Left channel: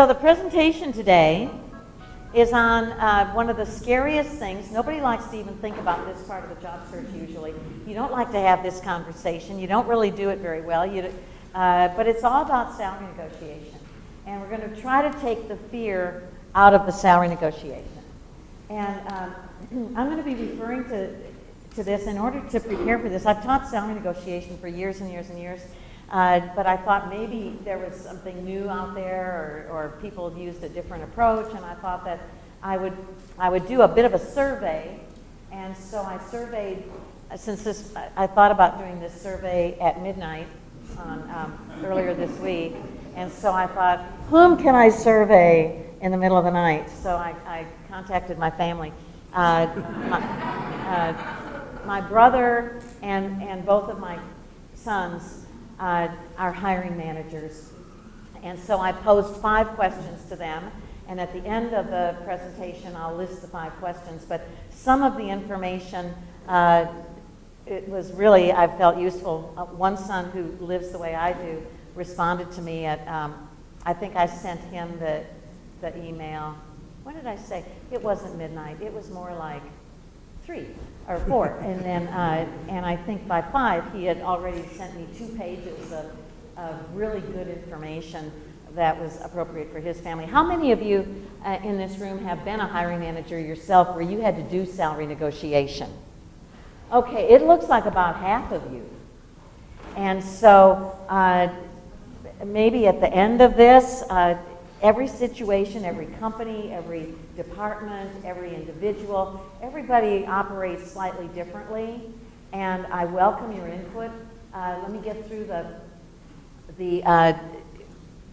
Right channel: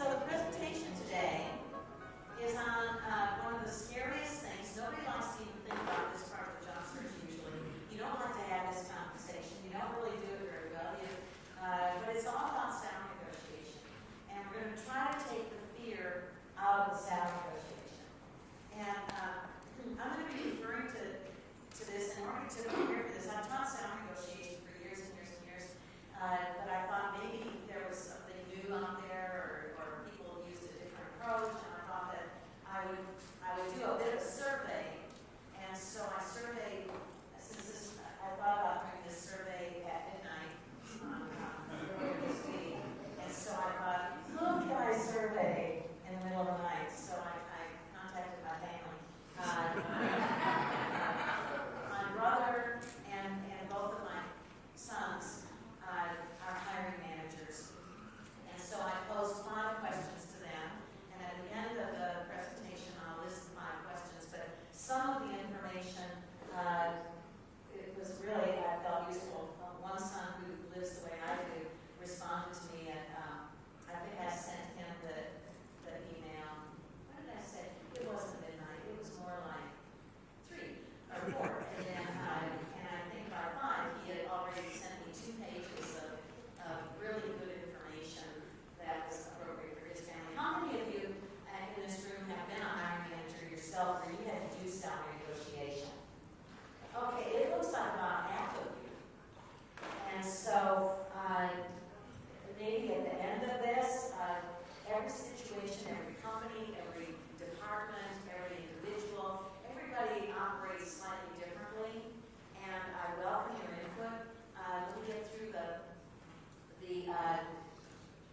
So the presentation today is on one of the scariest things. Nobody likes to even think about this part of the job search usually. You don't like to have this conversation. You don't really do it very well. But it's all about salary negotiation. And we're going to try to take the fear out of the salary negotiation. And I'm going to be referring to this in order to prepare for this. I've taught salary negotiation for years and years and years. But I thought maybe there was something new out there, or people have used a different approach, and I thought that I would do a bit of a survey. And so I surveyed, I thought about doing this survey at midnight earlier this week, and so I thought, whom can I survey in the middle of the night? So I contacted my family. My brother and both of my sons are hiring managers. And so I posed 5 questions to them, and at the end of the presentation I'll list the 5 questions, but some of the information, it was really, I felt useful. One son who lives the way I do responded to me at, I think I sent him the email, what did I say? It wasn't midnight, it was more like 3 or 4, and then and I think by 5 he had already sent me 2 pages of really good information that was appropriate for his family. How many of you in this room have been a hiring manager yourself where you had to do salary negotiation? Okay, it looks like about half of you. And so maybe at the end of this, every situation, every company, every department, every individual, everybody operates slightly differently, and I welcome your input. Let me get through the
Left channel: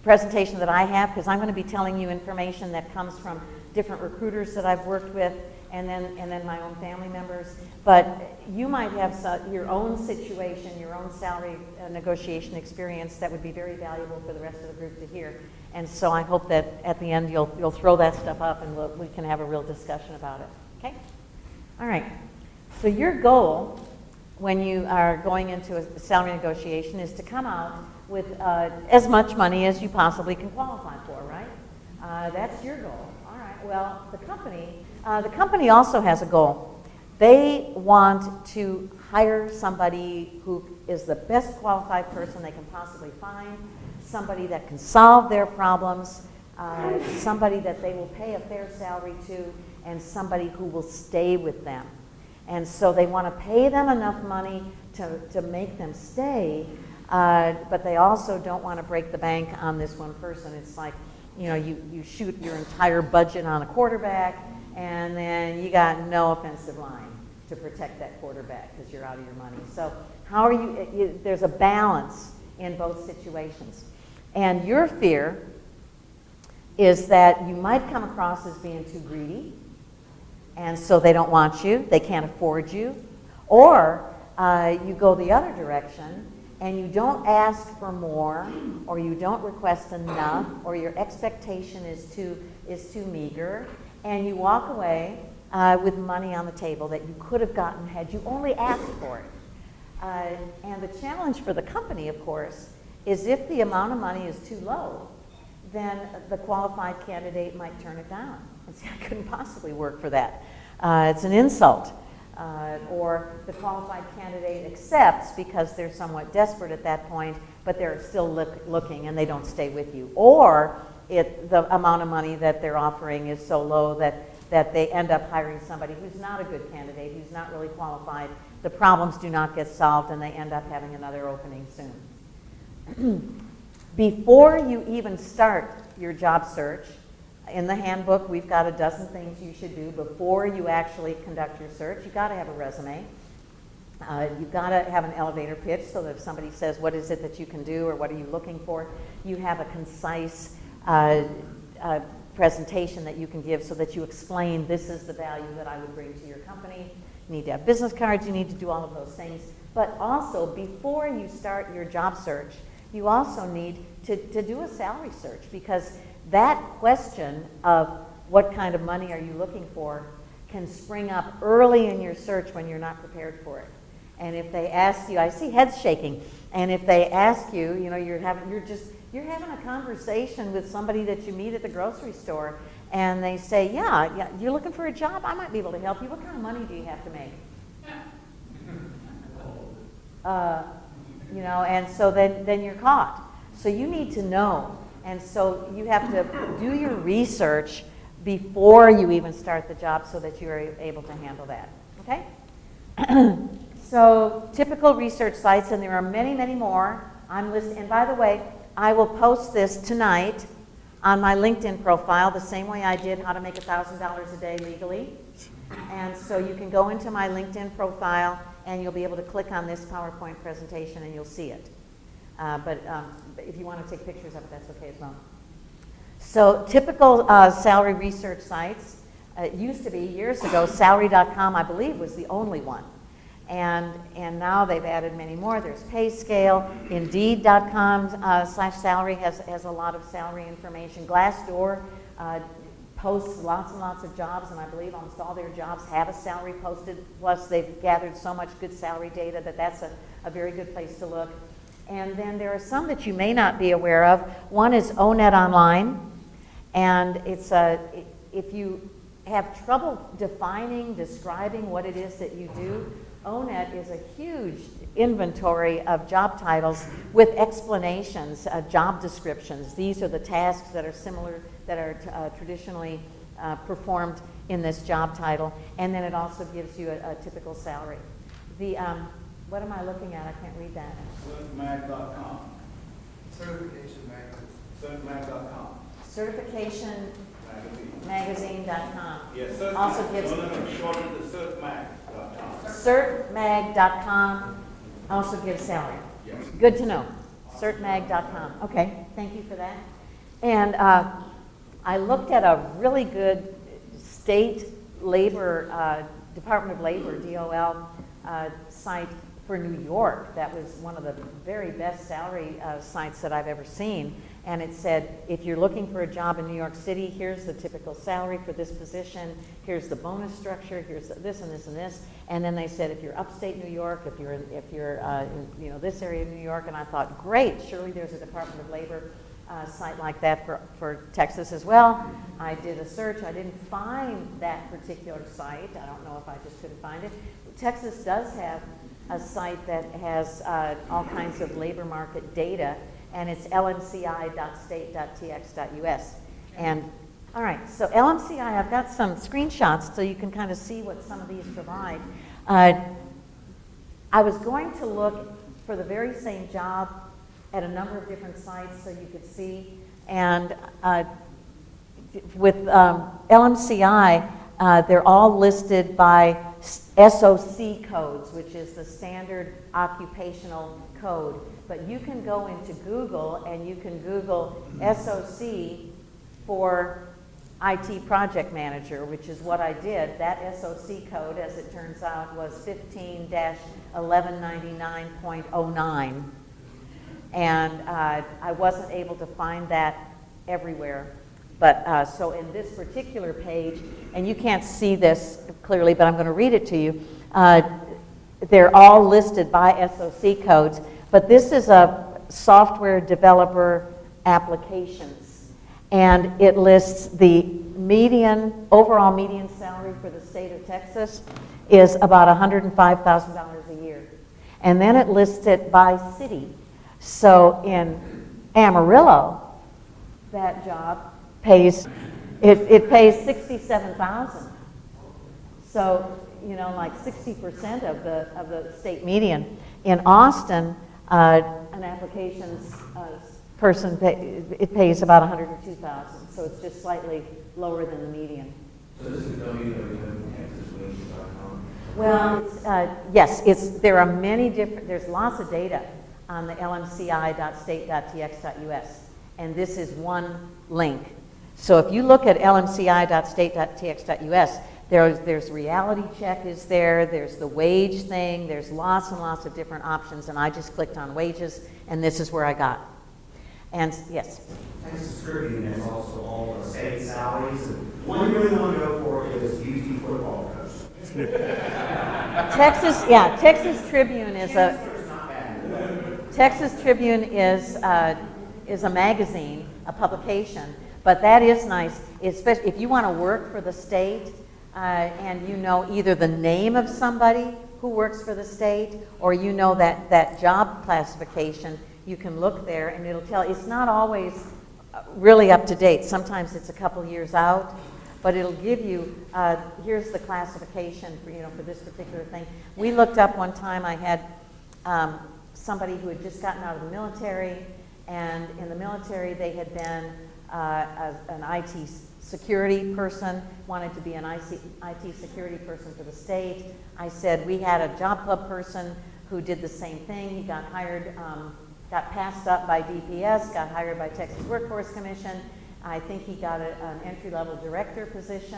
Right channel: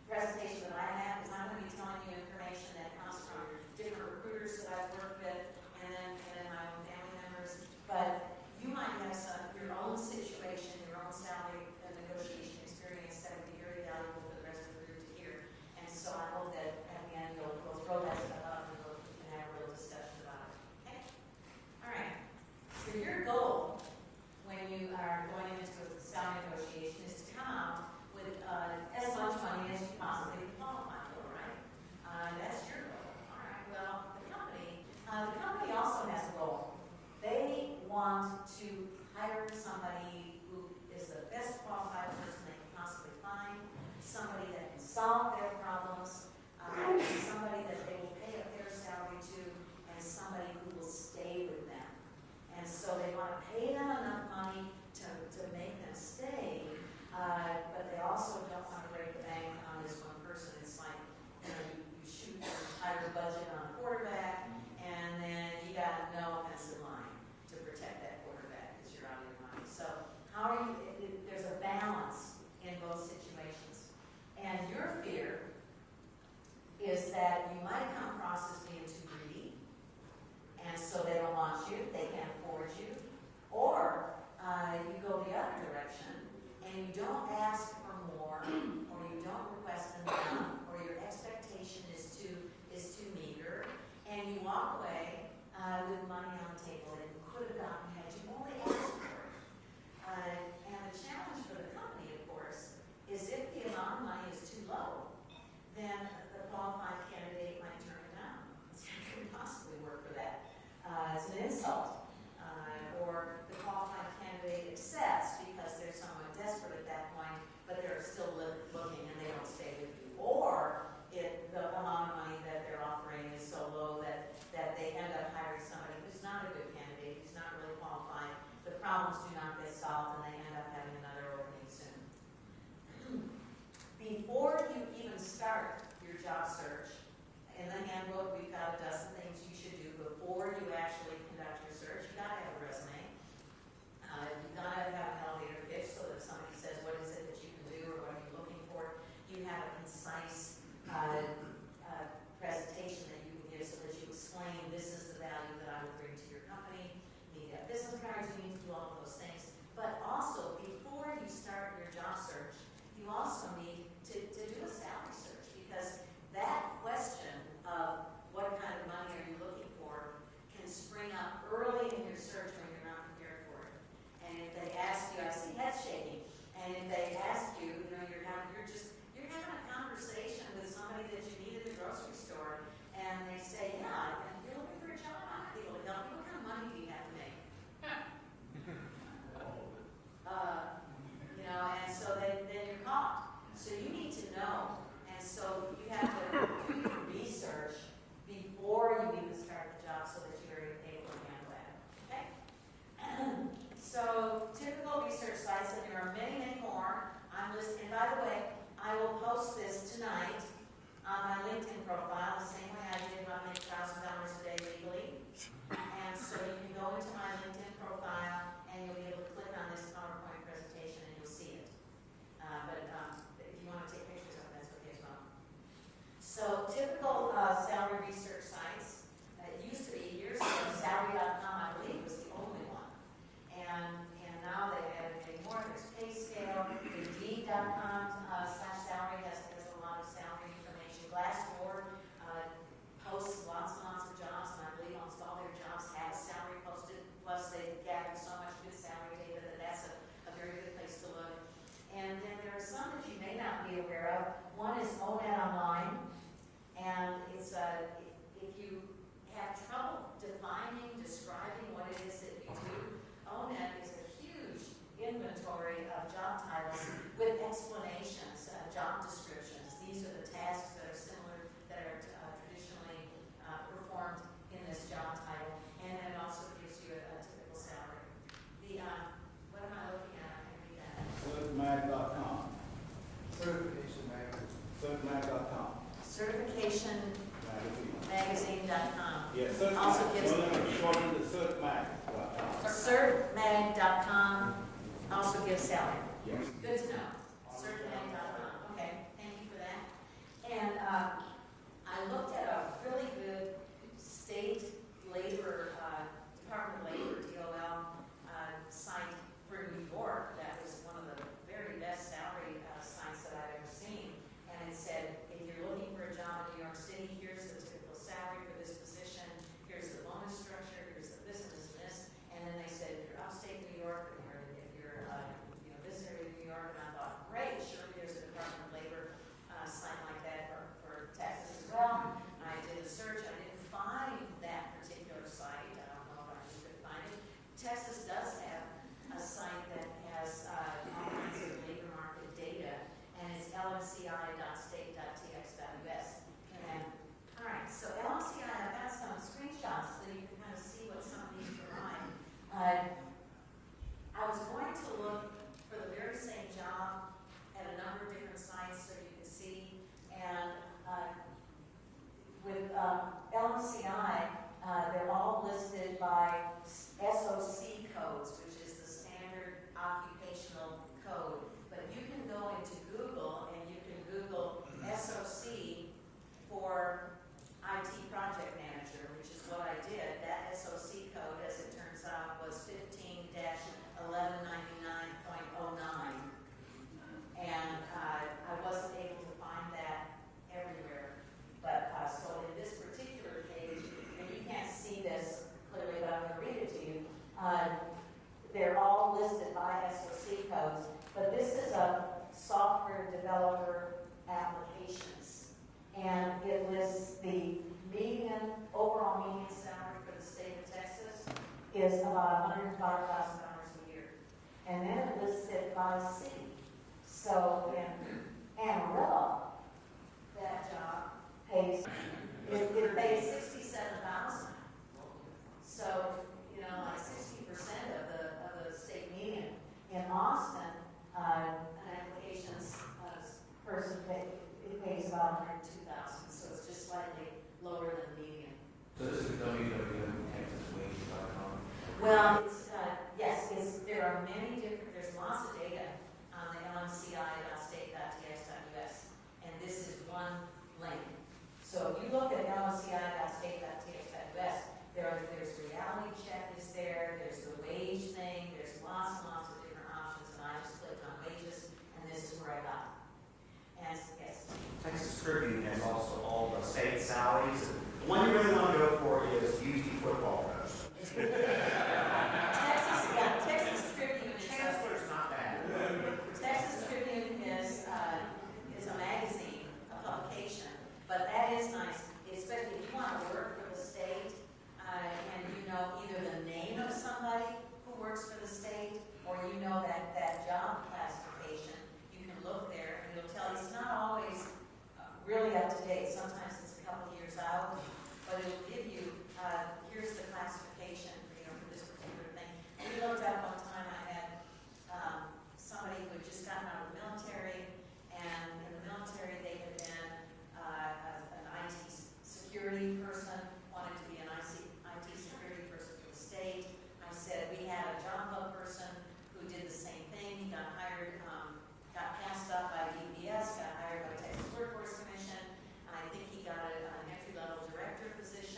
presentation that I have, because I'm going to be telling you information that comes from different recruiters that I've worked with, and then my own family members. But you might have your own situation, your own salary negotiation experience that would be very valuable for the rest of the group to hear. And so I hope that at the end you'll throw that stuff up and we can have a real discussion about it. Okay? All right. So your goal when you are going into a salary negotiation is to come out with as much money as you possibly can qualify for, right? That's your goal. All right. Well, the company also has a goal. They want to hire somebody who is the best qualified person they can possibly find, somebody that can solve their problems, somebody that they will pay a fair salary to, and somebody who will stay with them. And so they want to pay them enough money to make them stay, but they also don't want to break the bank on this one person. It's like, you know, you shoot your entire budget on a quarterback, and then you got no offensive line to protect that quarterback because you're out of your money. So how are you, there's a balance in both situations. And your fear is that you might come across as being too greedy, and so they don't want you, they can't afford you, or you go the other direction and you don't ask for more, or you don't request enough, or your expectation is too meager, and you walk away with money on the table that you could have gotten had you only asked for it. And the challenge for the company, of course, is if the amount of money is too low, then the qualified candidate might turn it down and say, I couldn't possibly work for that. It's an insult. Or the qualified candidate accepts because they're somewhat desperate at that point, but they're still looking and they don't stay with you. Or the amount of money that they're offering is so low that they end up hiring somebody who's not a good candidate, who's not really qualified. The problems do not get solved and they end up having another opening soon. Before you even start your job search, in the handbook we've got a dozen things you should do before you actually conduct your search. You've got to have a resume. You've got to have an elevator pitch so that if somebody says, what is it that you can do or what are you looking for, you have a concise presentation that you can give so that you explain this is the value that I would bring to your company. You need to have business cards, you need to do all of those things. But also, before you start your job search, you also need to do a salary search, because that question of what kind of money are you looking for can spring up early in your search when you're not prepared for it. And if they ask you, I see heads shaking, and if they ask you, you know, you're having a conversation with somebody that you meet at the grocery store, and they say, yeah, you're looking for a job? I might be able to help you. What kind of money do you have to make? You know, and so then you're caught. So you need to know. And so you have to do your research before you even start the job so that you're able to handle that, okay? So typical research sites, and there are many, many more. I'm listing, and by the way, I will post this tonight on my LinkedIn profile the same way I did how to make $1,000 a day legally. And so you can go into my LinkedIn profile and you'll be able to click on this PowerPoint presentation and you'll see it. But if you want to take pictures of it, that's okay as well. So typical salary research sites, it used to be years ago, salary.com I believe was the only one. And now they've added many more. There's PayScale, Indeed.com/salary has a lot of salary information. Glassdoor posts lots and lots of jobs, and I believe almost all their jobs have a salary posted. Plus they've gathered so much good salary data that that's a very good place to look. And then there are some that you may not be aware of. One is ONET Online, and it's if you have trouble describing what it is that you do, ONET is a huge inventory of job titles with explanations, job descriptions. These are the tasks that are similar, that are traditionally performed in this job title, and then it also gives you a typical salary. The what am I looking at? I can't read that. CertMag.com. Certification Magazine. Certification Magazine.com. Yes, also gives shorten to CertMag.com. CertMag.com also gives salary. Yes. Good to know. CertMag.com. Okay, thank you for that. And I looked at a really good state labor, Department of Labor, DOL, site for New York. That was one of the very best salary sites that I've ever seen. And it said, if you're looking for a job in New York City, here's the typical salary for this position, here's the bonus structure, here's this and this and this. And then they said, if you're upstate New York, if you're in, you know, this area of New York, and I thought, great, surely there's a Department of Labor site like that for Texas as well. I did a search. I didn't find that particular site. I don't know if I just couldn't find it. Texas does have a site that has all kinds of labor market data, and it's lmci.state.tx.us. And all right, so LMCI, I've got some screenshots so you can kind of see what some of these provide. I was going to look for the very same job at a number of different sites so you could see. And with LMCI, they're all listed by SOC codes, which is the Standard Occupational Code. But you can go into Google and you can Google SOC for IT project manager, which is what I did. That SOC code, as it turns out, was 15-1199.09. And I wasn't able to find that everywhere. But so in this particular page, and you can't see this clearly, but I'm going to read it to you. They're all listed by SOC codes, but this is a software developer applications. And it lists the overall median salary for the state of Texas is about $105,000 a year. And then it lists it by city. So in Amarillo, that job pays, it pays $67,000. So, you know, like 60% of the state median. In Austin, an applications person, it pays about $102,000. So it's just slightly lower than the median. So this is www.texaswages.com? Well, yes, there are many different, there's lots of data on the lmci.state.tx.us, and this is one link. So if you look at lmci.state.tx.us, there's reality check is there, there's the wage thing, there's lots and lots of different options, and I just clicked on wages, and this is where I got. And yes? Texas Tribune has also all the state salaries, and the one you really want to go for is UT football coach. Texas Tribune is a Chancellor's not bad. Texas Tribune is a magazine, a publication, but that is nice, especially if you want to work for the state and you know either the name of somebody who works for the state or you know that job classification. You can look there and it'll tell. It's not always really up to date. Sometimes it's a couple years out, but it'll give you, here's the classification for this particular thing. We looked up one time, I had somebody who had just gotten out of the military, and in the military they had been an IT security person, wanted to be an IT security person for the state. I said, we had a job club person who did the same thing. He got hired, got passed up by DPS, got hired by Texas Workforce Commission. I think he got an entry-level director position.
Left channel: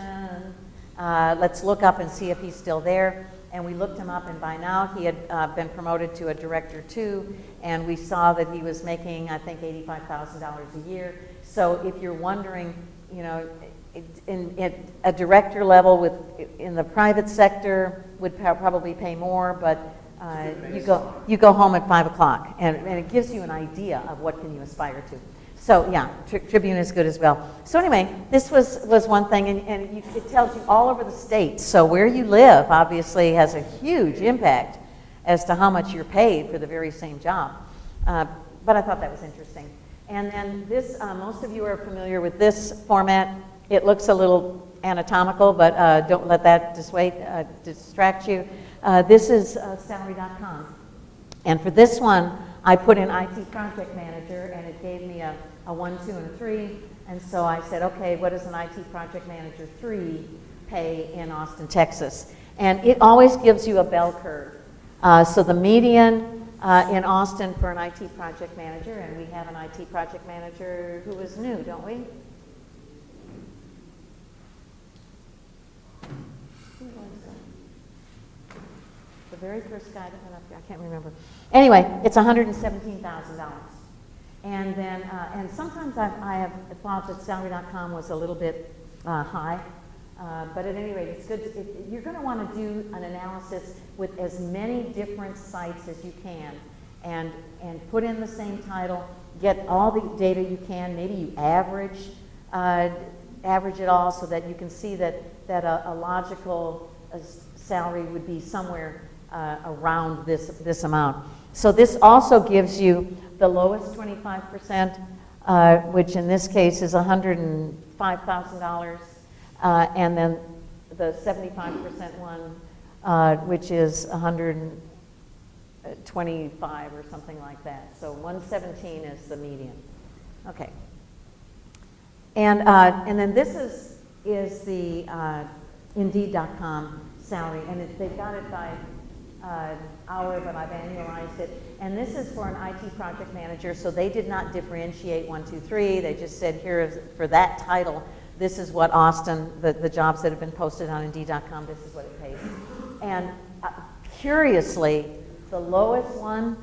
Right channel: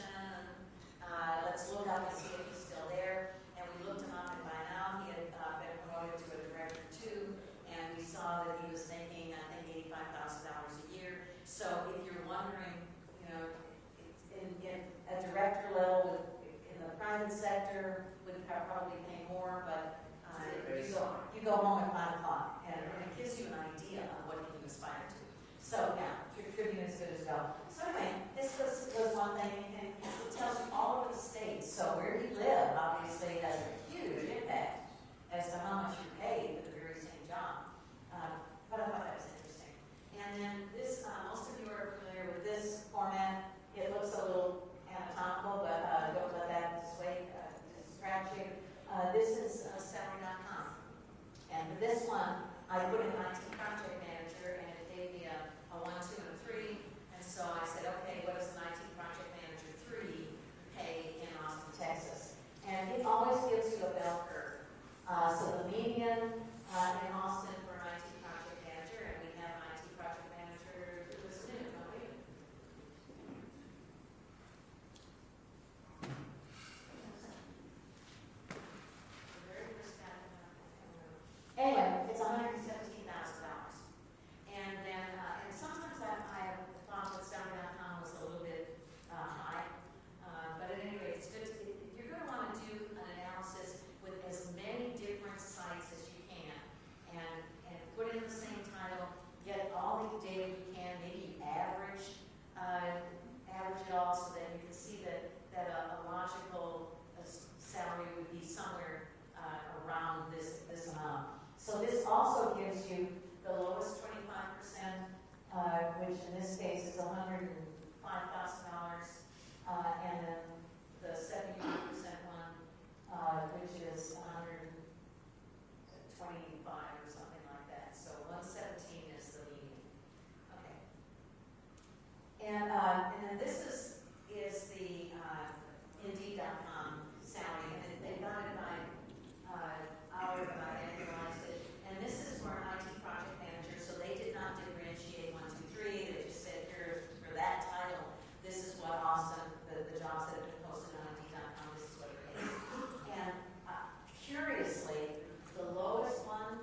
Let's look up and see if he's still there. And we looked him up, and by now he had been promoted to a director too, and we saw that he was making, I think, $85,000 a year. So if you're wondering, in a director level in the private sector would probably pay more, but you go home at 5 o'clock, and it gives you an idea of what can you aspire to. So yeah, Tribune is good as well. So anyway, this was one thing, and it tells you all over the state. So where you live obviously has a huge impact as to how much you're paid for the very same job. But I thought that was interesting. And then this, most of you are familiar with this format. It looks a little anatomical, but don't let that distract you. This is salary.com. And for this one, I put in IT project manager, and it gave me a 1, 2, and a 3. And so I said, okay, what does an IT project manager 3 pay in Austin, Texas? And it always gives you a bell curve. So the median in Austin for an IT project manager, and we have an IT project manager who is new, don't we? The very first guy that went up there, I can't remember. Anyway, it's $117,000. And then, and sometimes I have thought that salary.com was a little bit high, but at any rate, it's good. You're going to want to do an analysis with as many different sites as you can, and put in the same title, get all the data you can. Maybe you average it all so that you can see that a logical salary would be somewhere around this amount. So this also gives you the lowest 25%, which in this case is $105,000, and then the 75% one, which is 125 or something like that. So 117 is the median. Okay. And then this is the Indeed.com salary, and they got it by hour, but I've annualized it. And this is for an IT project manager, so they did not differentiate 1, 2, 3. They just said, here is, for that title, this is what Austin, the jobs that have been posted on Indeed.com, this is what it pays. And curiously, the lowest one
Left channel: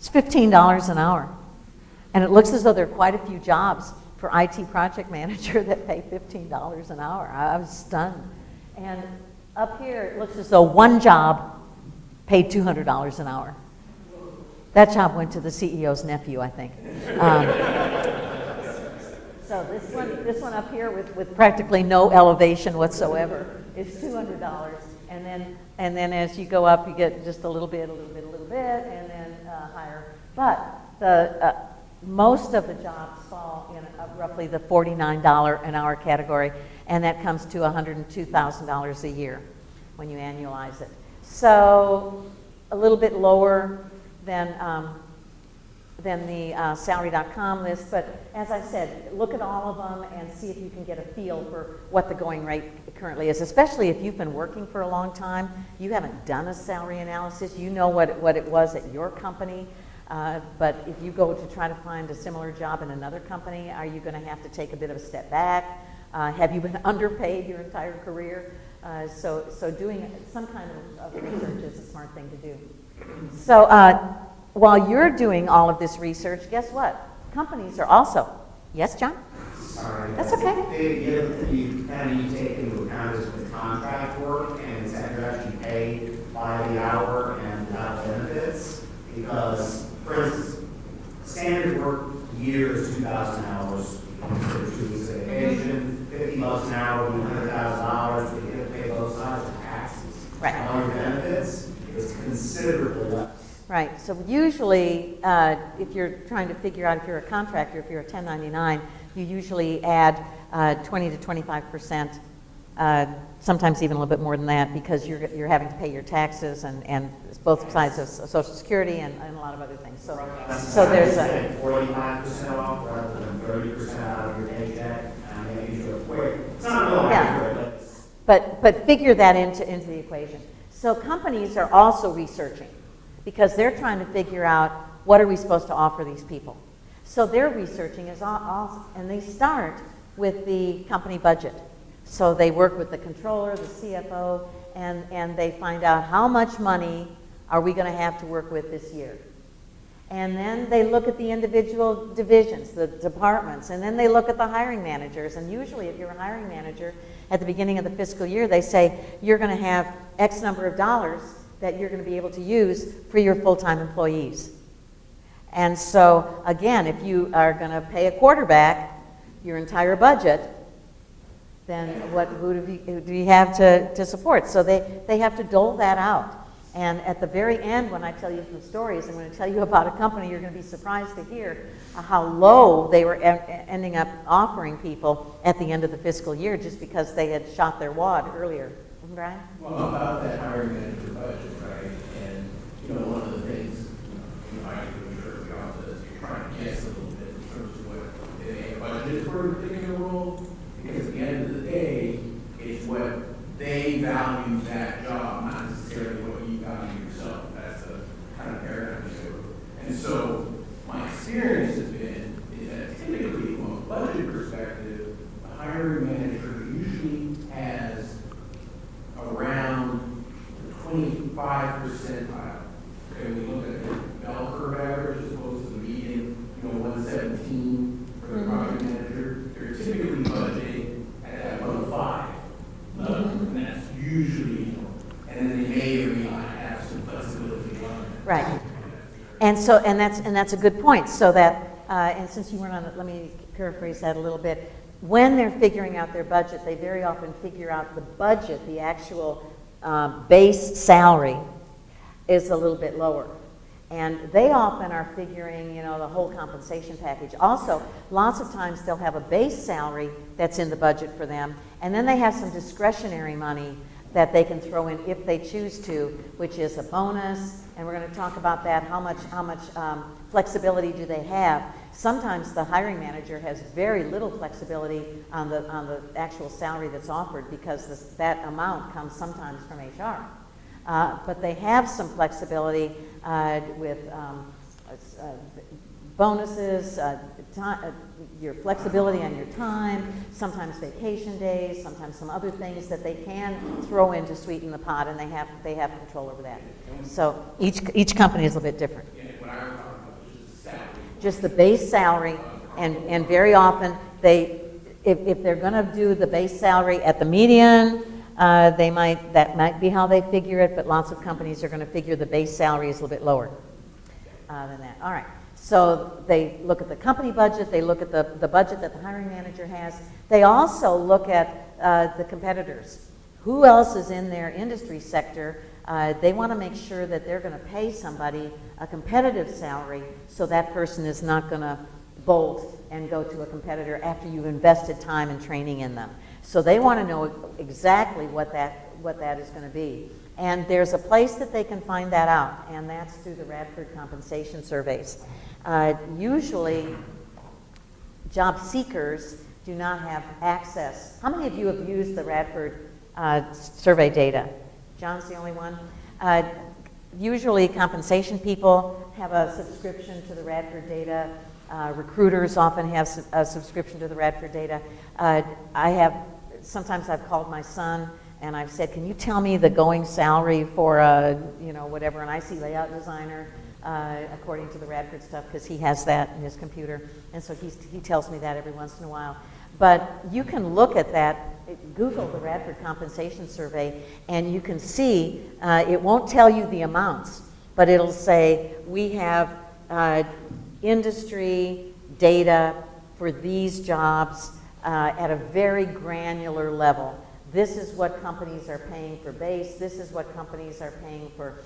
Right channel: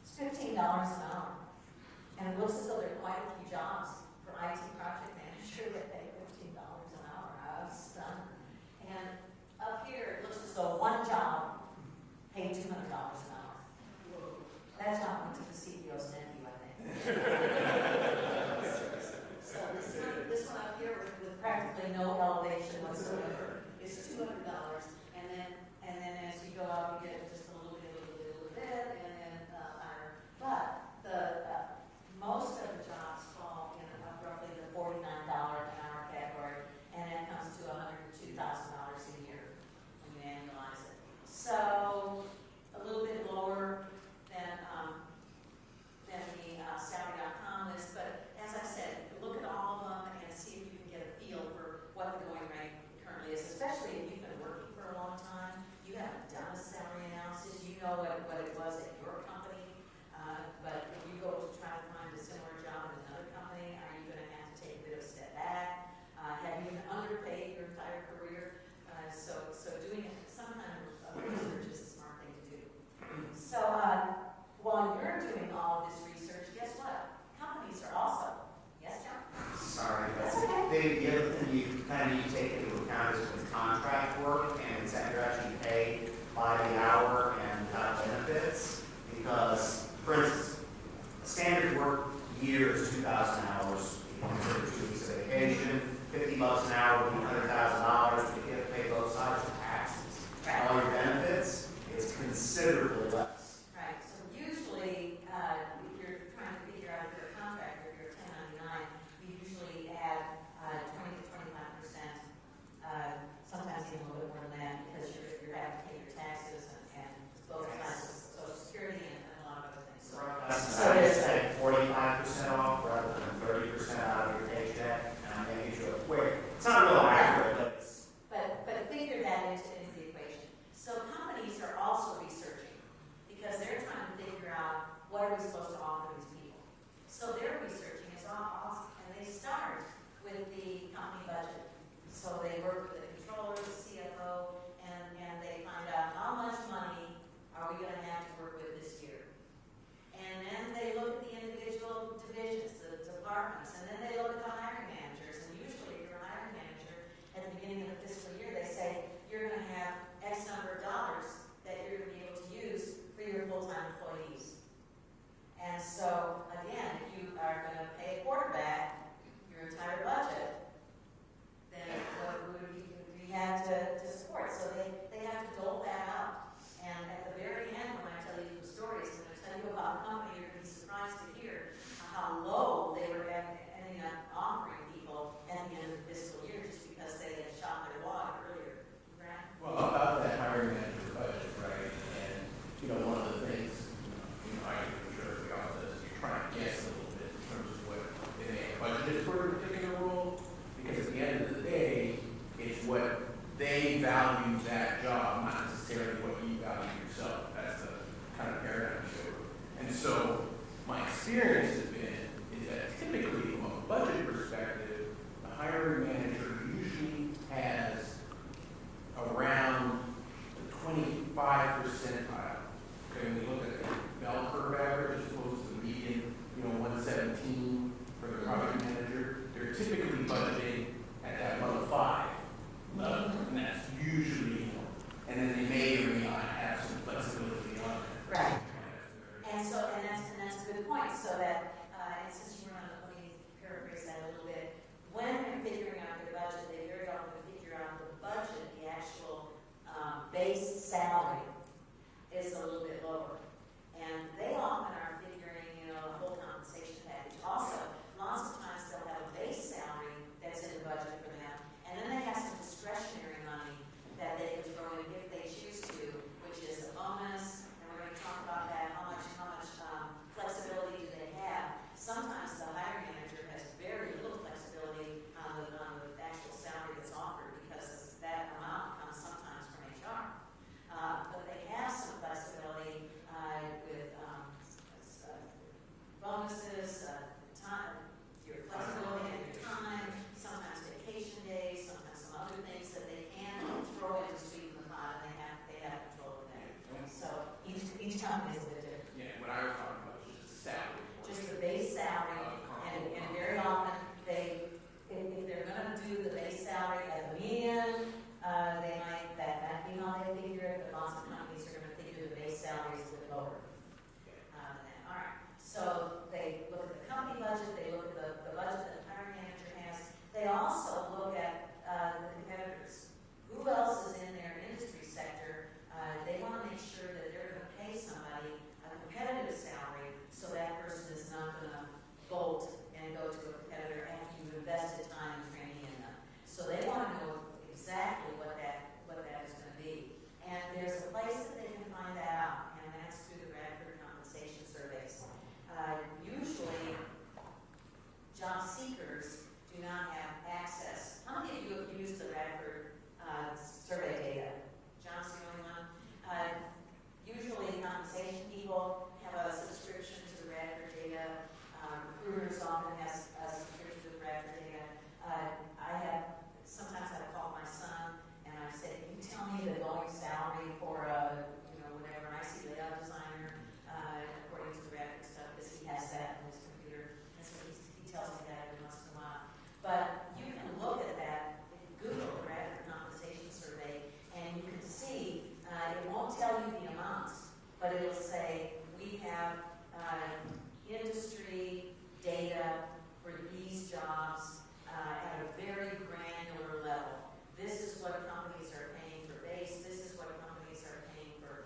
is $15 an hour. And it looks as though there are quite a few jobs for IT project manager that pay $15 an hour. I was stunned. And up here, it looks as though one job paid $200 an hour. That job went to the CEO's nephew, I think. So this one up here with practically no elevation whatsoever is $200, and then as you go up, you get just a little bit, and then higher. But the most of the jobs fall in roughly the $49 an hour category, and that comes to $102,000 a year when you annualize it. So a little bit lower than the salary.com list, but as I said, look at all of them and see if you can get a feel for what the going rate currently is, especially if you've been working for a long time. You haven't done a salary analysis. You know what it was at your company, but if you go to try to find a similar job in another company, are you going to have to take a bit of a step back? Have you been underpaid your entire career? So doing some kind of research is a smart thing to do. So while you're doing all of this research, guess what? Companies are also. Yes, John? Sorry. That's okay. You take into account is with contract work, and is that you're actually paid by the Right, so usually, if you're trying to figure out if you're a contractor, if you're a 1099, you usually add 20 to 25%, sometimes even a little bit more than that, because you're having to pay your taxes and both sides of Social Security and a lot of other things. So there's a 45% off rather than 30% out of your paycheck. And I'm making sure it's quick. It's not real accurate, but figure that into the equation. So companies are also researching, because they're trying to figure out what are we supposed to offer these people. So they're researching is all, and they start with the company budget. So they work with the controller, the CFO, and they find out how much money are we going to have to work with this year. And then they look at the individual divisions, the departments, and then they look at the hiring managers. And usually if you're a hiring manager, at the beginning of the fiscal year, they say you're going to have X number of dollars that you're going to be able to use for your full-time employees. And so, again, if you are going to pay a quarterback your entire budget, then who do you have to support? So they have to dole that out. And at the very end, when I tell you some stories, I'm going to tell you about a company you're going to be surprised to hear how low they were ending up offering people at the end of the fiscal year just because they had shot their wad earlier. Brian? Well, about that hiring manager budget, right? And, one of the things, I can sure we also is trying to guess a little bit in terms of what they may have budgeted for a particular role, because at the end of the day, it's what they value that job, not necessarily what you value yourself. That's the kind of paradigm shift. And so my experience has been is that typically from a budget perspective, the hiring manager usually has around the 25 percentile. Okay, when we look at the bell curve average as opposed to the median, 117 for the project manager, they're typically budgeting at that 105 level, and that's usually, and then they may or may not have some flexibility on it. Right. And so, and that's a good point. So that, and since you weren't on it, let me paraphrase that a little bit. When they're figuring out their budget, they very often figure out the budget, the actual base salary is a little bit lower. And they often are figuring, the whole compensation package. Also, lots of times they'll have a base salary that's in the budget for them, and then they have some discretionary money that they can throw in if they choose to, which is a bonus, and we're going to talk about that. How much flexibility do they have? Sometimes the hiring manager has very little flexibility on the actual salary that's offered because that amount comes sometimes from HR. But they have some flexibility with bonuses, your flexibility on your time, sometimes vacation days, sometimes some other things that they can throw in to sweeten the pot, and they have control over that. So each company is a little bit different. Yeah, what I was talking about was just the salary. Just the base salary, and very often if they're going to do the base salary at the median, that might be how they figure it, but lots of companies are going to figure the base salary is a little bit lower than that. All right. So they look at the company budget, they look at the budget that the hiring manager has. They also look at the competitors. Who else is in their industry sector? They want to make sure that they're going to pay somebody a competitive salary so that person is not going to bolt and go to a competitor after you've invested time and training in them. So they want to know exactly what that is going to be. And there's a place that they can find that out, and that's through the Radford compensation surveys. Usually, job seekers do not have access. How many of you have used the Radford survey data? John's the only one. Usually, compensation people have a subscription to the Radford data. Recruiters often have a subscription to the Radford data. Sometimes I've called my son and I've said, can you tell me the going salary for whatever, and I see layout designer according to the Radford stuff because he has that in his computer, and so he tells me that every once in a while. But you can look at that, Google the Radford compensation survey, and you can see, it won't tell you the amounts, but it'll say we have industry data for these jobs at a very granular level. This is what companies are paying for base. This is what companies are paying for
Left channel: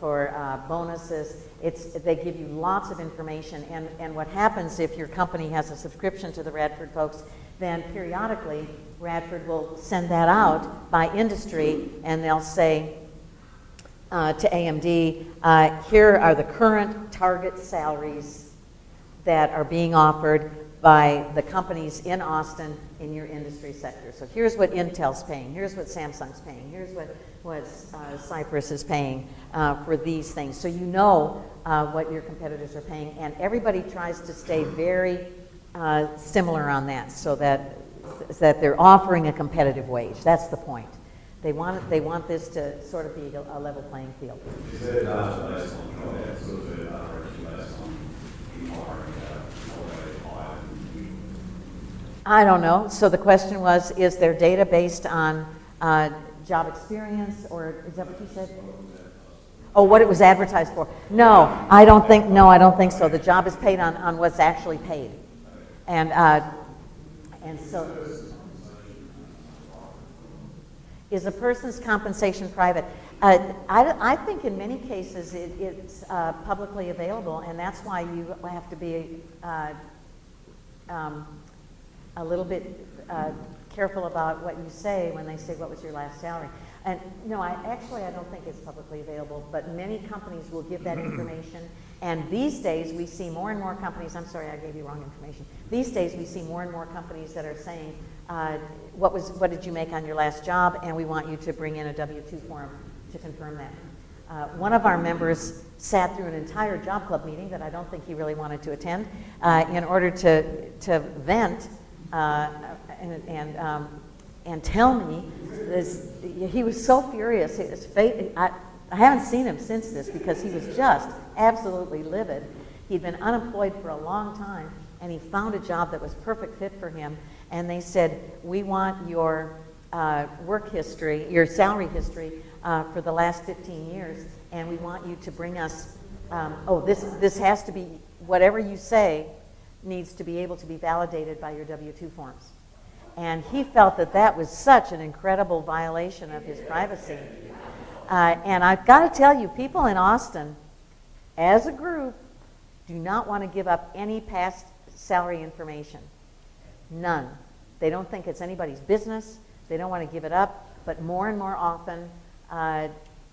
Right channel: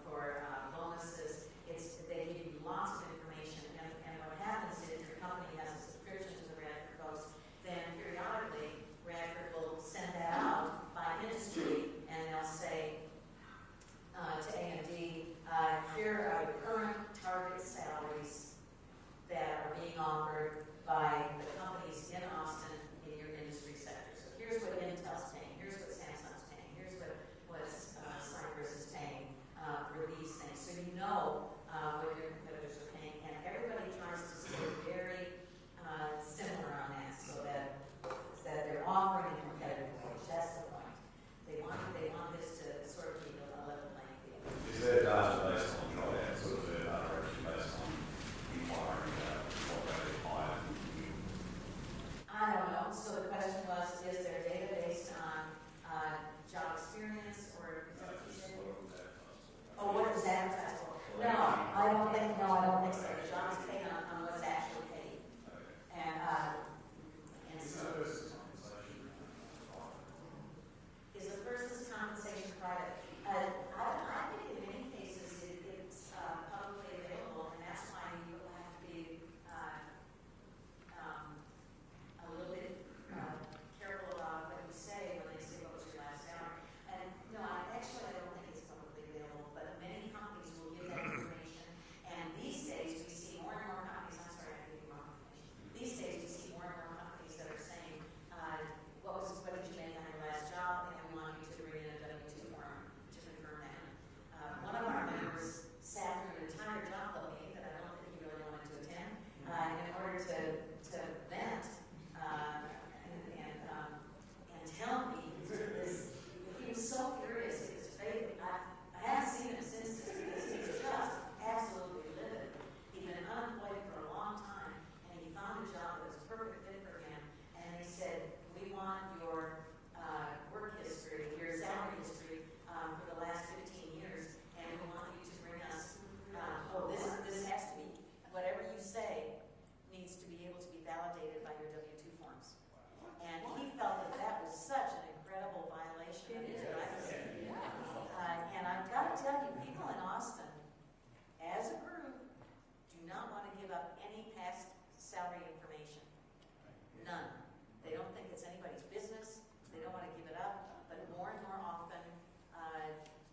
for bonuses. They give you lots of information, and what happens if your company has a subscription to the Radford folks, then periodically Radford will send that out by industry, and they'll say to AMD, here are the current target salaries that are being offered by the companies in Austin in your industry sector. So here's what Intel's paying, here's what Samsung's paying, here's what Cypress is paying for these things. So you know what your competitors are paying, and everybody tries to stay very similar on that, so that they're offering a competitive wage. That's the point. They want this to sort of be a level playing field. Is it based on drawbacks, or is it actually based on inquiring about I don't know. So the question was, is their data based on job experience, or is that what you said? Oh, what it was advertised for? No, I don't think so. The job is paid on what's actually paid, and so is a person's compensation private? I think in many cases it's publicly available, and that's why you have to be a little bit careful about what you say when they say, what was your last salary? And no, I don't think it's publicly available, but many companies will give that information. And these days we see more and more companies, I'm sorry, I gave you wrong information. These days we see more and more companies that are saying, what did you make on your last job? And we want you to bring in a W-2 form to confirm that. One of our members sat through an entire job club meeting that I don't think he really wanted to attend in order to vent and tell me this. He was so furious. I haven't seen him since this, because he was just absolutely livid. He'd been unemployed for a long time, and he found a job that was perfect fit for him. And they said, we want your work history, your salary history for the last 15 years, and we want you to bring us, this has to be, whatever you say needs to be able to be validated by your W-2 forms. And he felt that was such an incredible violation of his privacy. And I've got to tell you, people in Austin, as a group, do not want to give up any past salary information. None. They don't think it's anybody's business. They don't want to give it up. But more and more often,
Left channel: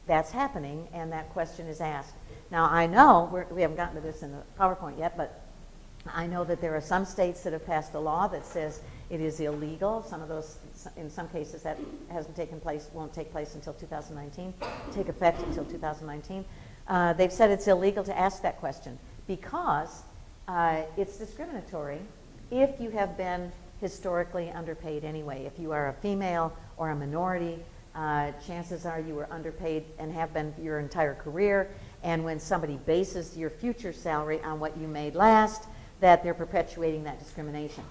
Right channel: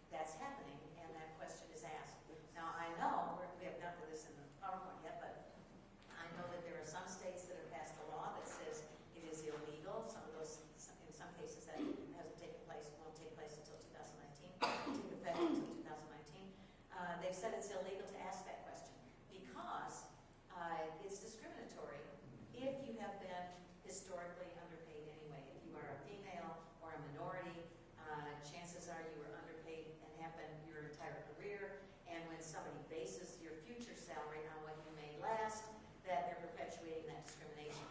that's happening, and that question is asked. Now, I know, we haven't gotten to this in the PowerPoint yet, but I know that there are some states that have passed a law that says it is illegal. Some of those, in some cases, that hasn't taken place, won't take place until 2019, take effect until 2019. They've said it's illegal to ask that question because it's discriminatory if you have been historically underpaid anyway. If you are a female or a minority, chances are you were underpaid and have been your entire career. And when somebody bases your future salary on what you made last, that they're perpetuating that discrimination.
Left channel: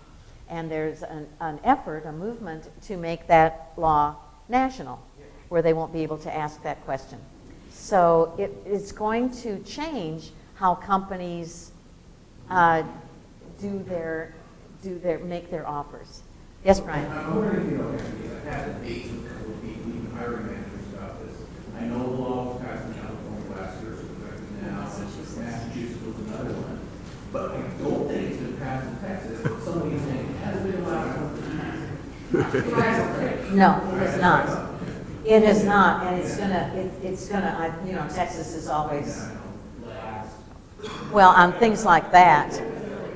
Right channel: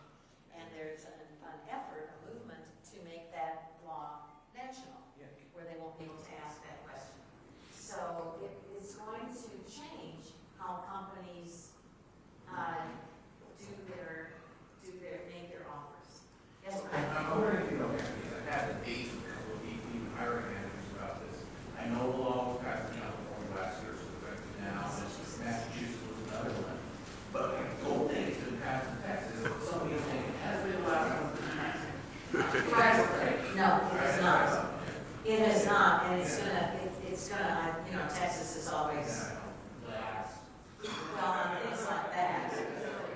And there's an effort, a movement, to make that law national, where they won't be able to ask that question. So it's going to change how companies make their offers. Yes, Brian? I'm wondering if you don't have these. I've had debates with a couple of people, even hiring managers, about this. I know the law was passed in California last year, so it's effective now, and Massachusetts was another one. But I don't think it's been passed in Texas. Somebody's saying it has been allowed to No, it is not. It is not, and it's gonna, Texas is always, well, on things like that,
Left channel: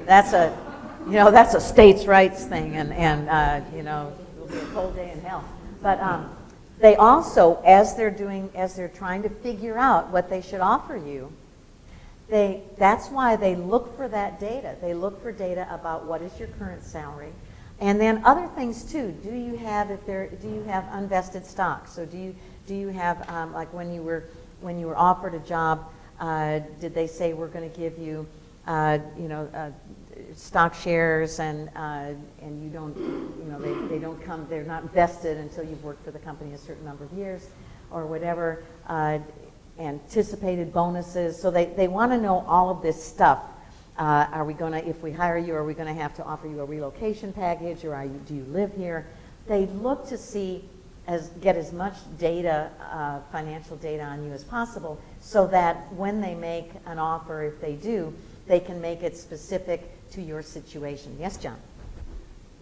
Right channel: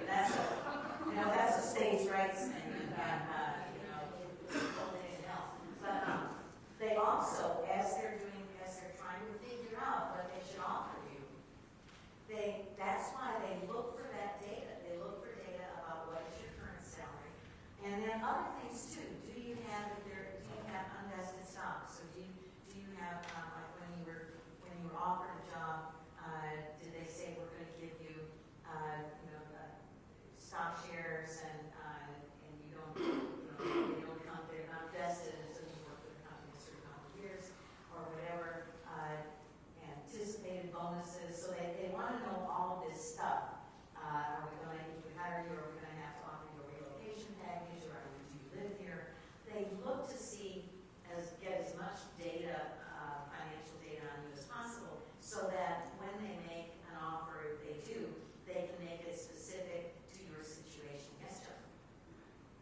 that's a states' rights thing, and the whole day in hell. But they also, as they're trying to figure out what they should offer you, that's why they look for that data. They look for data about what is your current salary, and then other things too. Do you have unvested stock? So do you have like when you were offered a job, did they say we're going to give you stock shares and you don't they don't come, they're not vested until you've worked for the company a certain number of years or whatever. Anticipated bonuses. So they want to know all of this stuff. Are we going to, if we hire you, are we going to have to offer you a relocation package, or do you live here? They look to see get as much data, financial data on you as possible, so that when they make an offer, if they do, they can make it specific to your situation. Yes, John?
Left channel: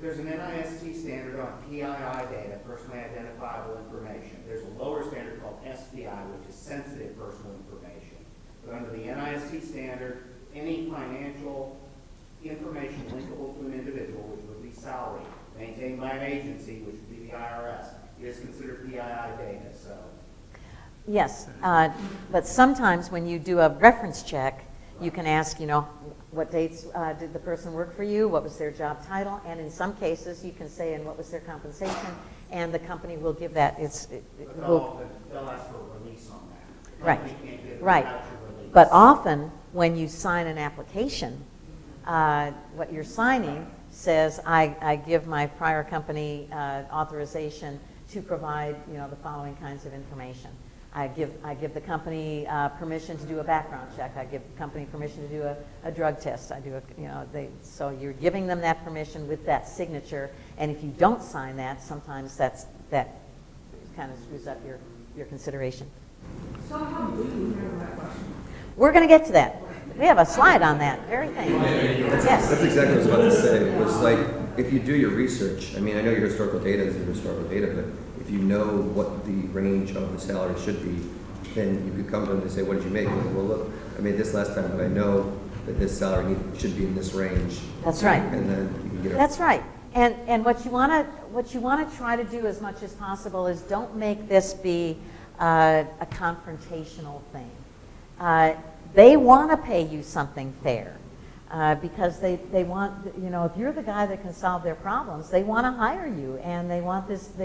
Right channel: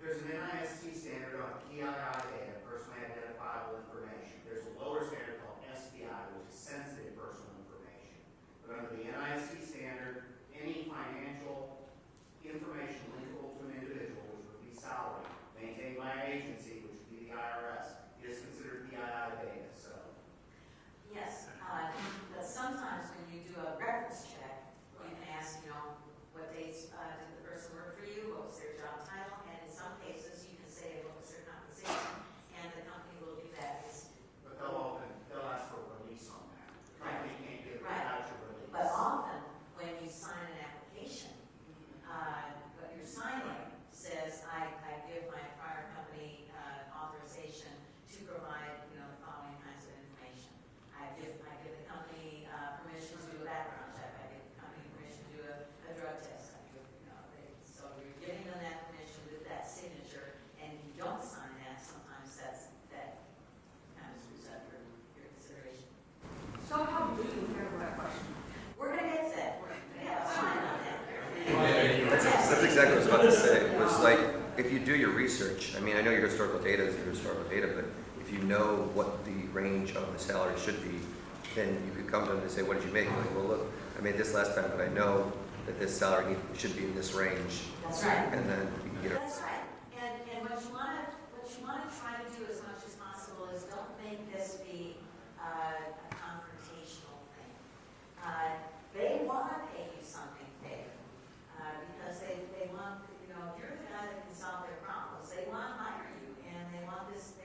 There's an NIST standard on PII data, personally identifiable information. There's a lower standard called SPI, which is sensitive personal information. But under the NIST standard, any financial information linkable to an individual, which would be salary, maintained by an agency, which would be the IRS, is considered PII data. So, Yes, but sometimes when you do a reference check, you can ask, you know, what dates did the person work for you? What was their job title? And in some cases, you can say, and what was their compensation? And the company will give that. but they'll ask for a release on that. The Right, company can't give right. without your release. But often, when you sign an application, what you're signing says, I give my prior company authorization to provide, you know, the following kinds of information. I give the company permission to do a background check. I give the company permission to do a drug test. I do a, you know, so you're giving them that permission with that signature. And if you don't sign that, sometimes that kind of screws up your consideration. So how do you handle that question? We're going to get to that. We have a slide on that very thing. That's exactly what I was about to say. It was like, if you do your research, I mean, I know your historical data is your historical data, but if you know what the range of the salary should be, then you could come to them and say, what did you make? Like, well, look, I made this last time, but I know that this salary should be in this range. That's right. And then you can get That's right. And what you want to try to do as much as possible is don't make this be a confrontational thing. They want to pay you something fair because they want, you know, if you're the guy that can solve their problems, they want to hire you, and they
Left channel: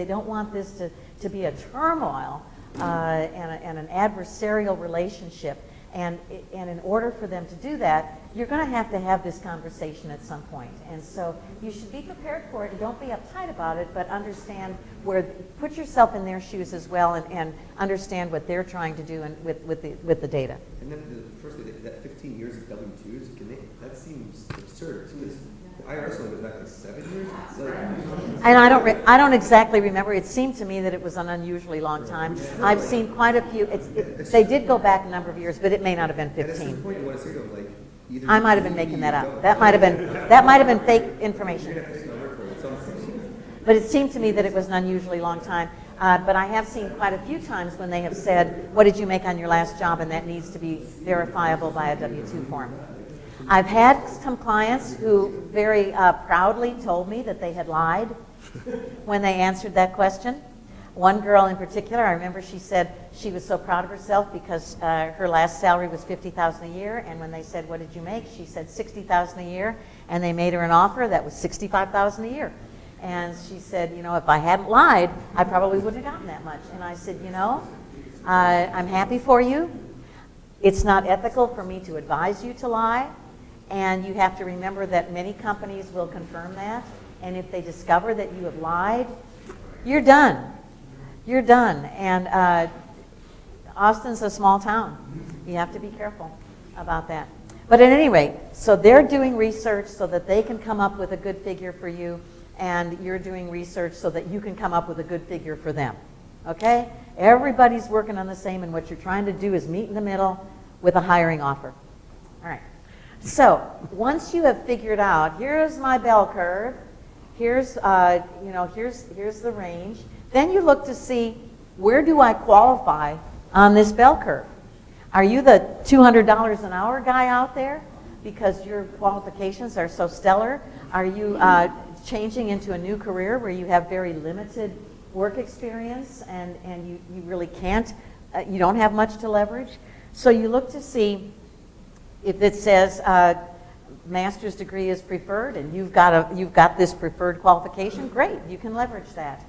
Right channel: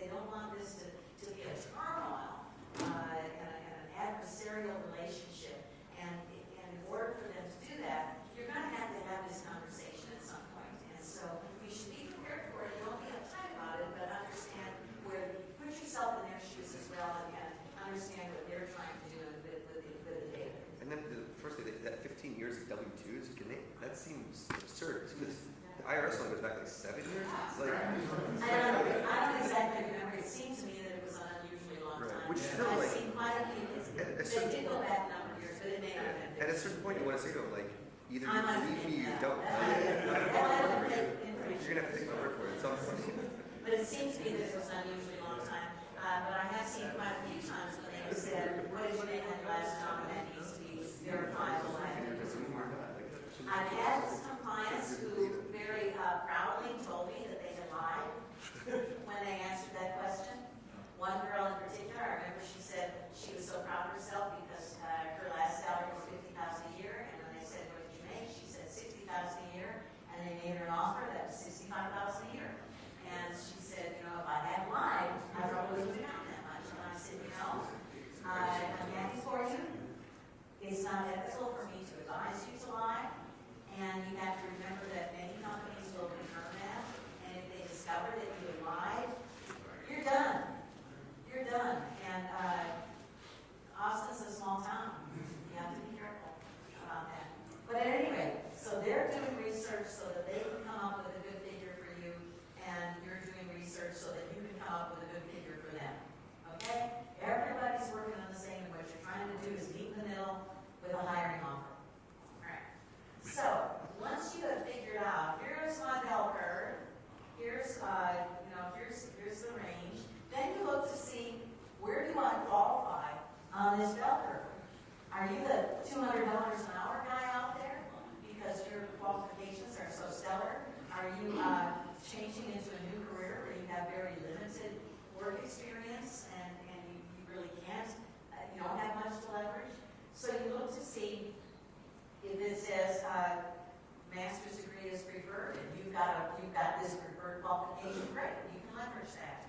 don't want this to be a turmoil and an adversarial relationship. And in order for them to do that, you're going to have this conversation at some point. And so you should be prepared for it. And don't be uptight about it, but understand put yourself in their shoes as well, and understand what they're trying to do with the data. And then firstly, that 15 years of W-2s, that seems absurd. The IRS only goes back like 7 years. It's like, And I don't exactly remember. It seemed to me that it was an unusually long time. I've seen quite a few. They did go back a number of years, but it may not have been and at some 15. point you want to say to them, like, either I might have been making that up. That might have been fake You're information. going to have to take my word for it. It's awesome. But it seemed to me that it was an unusually long time. But I have seen quite a few times when they have said, what did you make on your last job? And that needs to be verifiable by a W-2 form. I've had some clients who very proudly told me that they had lied when they answered that question. One girl in particular, I remember she said she was so proud of herself because her last salary was $50,000 a year, and when they said, what did you make? She said $60,000 a year, and they made her an offer that was $65,000 a year. And she said, you know, if I hadn't lied, I probably wouldn't have gotten that much. And I said, you know, I'm happy for you. It's not ethical for me to advise you to lie. And you have to remember that many companies will confirm that. And if they discover that you have lied, you're done. You're done. And Austin's a small town. You have to be careful about that. But at any rate, so they're doing research so that they can come up with a good figure for you, and you're doing research so that you can come up with a good figure for them. Okay? Everybody's working on the same, and what you're trying to do is meet in the middle with a hiring offer. All right. So once you have figured out, here's my bell curve, here's the range, then you look to see, where do I qualify on this bell curve? Are you the $200 an hour guy out there because your qualifications are so stellar? Are you changing into a new career where you have very limited work experience and you really can't, you don't have much to leverage? So you look to see if it says master's degree is preferred and you've got this preferred qualification, great, you can leverage that.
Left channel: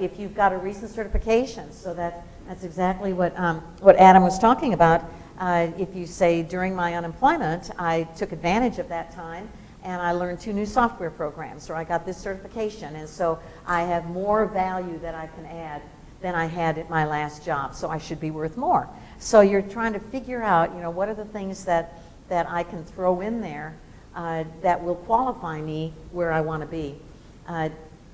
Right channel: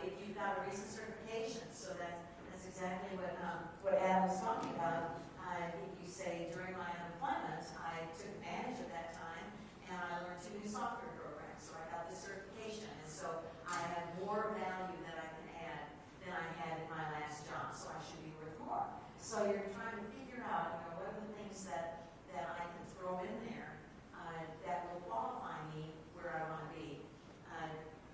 If you've got a recent certification, so that's exactly what Adam was talking about. If you say, during my unemployment, I took advantage of that time and I learned 2 new software programs, or I got this certification, and so I have more value that I can add than I had at my last job, so I should be worth more. So you're trying to figure out, you know, what are the things that I can throw in there that will qualify me where I want to be.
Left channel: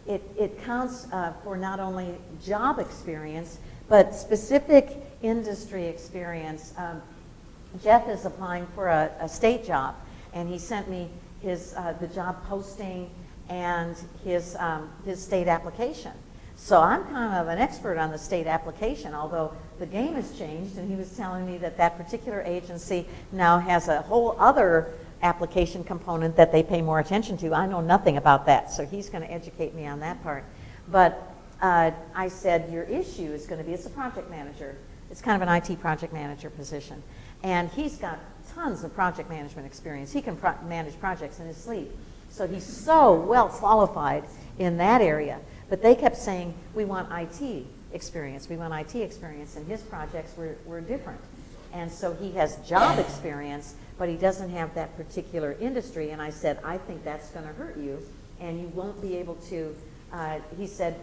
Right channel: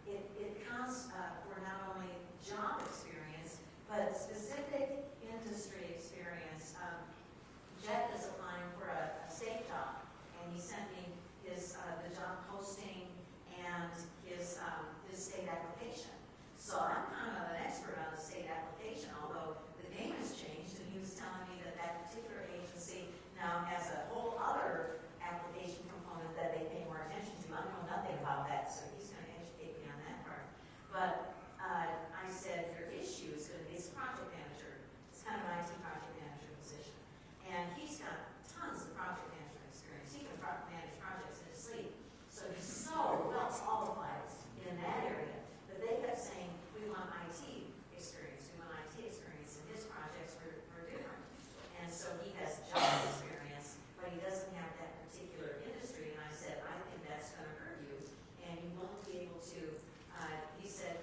it counts for not only job experience, but specific industry experience. Jeff is applying for a state job, and he sent me his the job posting and his state application. So I'm kind of an expert on the state application, although the game has changed, and he was telling me that that particular agency now has a whole other application component that they pay more attention to. I know nothing about that, so he's going to educate me on that part. But I said, your issue is going to be, it's a project manager. It's kind of an IT project manager position. And he's got tons of project management experience. He can manage projects in his sleep. So he's so well qualified in that area. But they kept saying, we want IT experience. We want IT experience. And his projects were different. And so he has job experience, but he doesn't have that particular industry. And I said, I think that's going to hurt you, and you won't be able to. He said,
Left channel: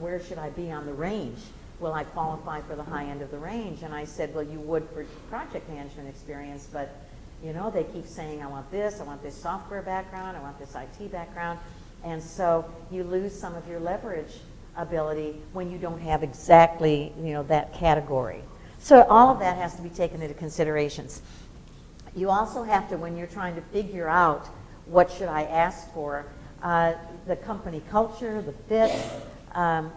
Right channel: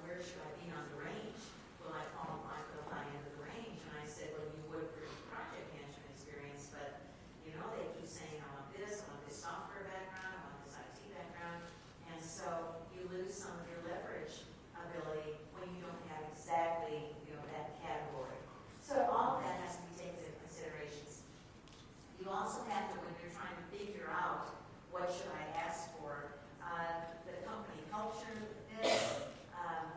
where should I be on the range? Will I qualify for the high end of the range? And I said, well, you would for project management experience, but they keep saying, I want this software background, I want this IT background. And so you lose some of your leverage ability when you don't have exactly, that category. So all of that has to be taken into considerations. You also have to, when you're trying to figure out what should I ask for, the company culture, the fit, are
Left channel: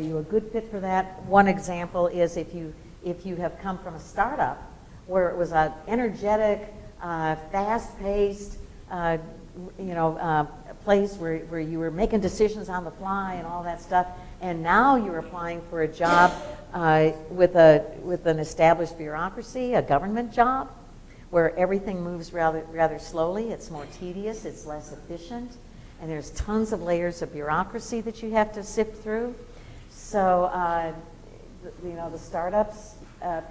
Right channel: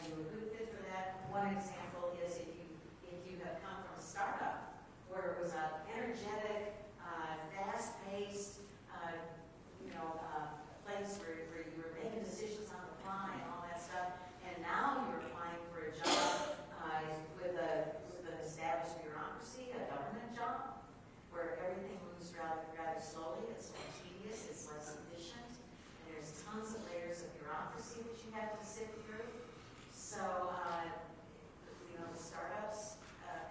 you a good fit for that? One example is if you have come from a startup where it was an energetic, fast-paced, place where you were making decisions on the fly and all that stuff, and now you're applying for a job with an established bureaucracy, a government job, where everything moves rather slowly. It's more tedious. It's less efficient. And there's tons of layers of bureaucracy that you have to sift through. So, the startups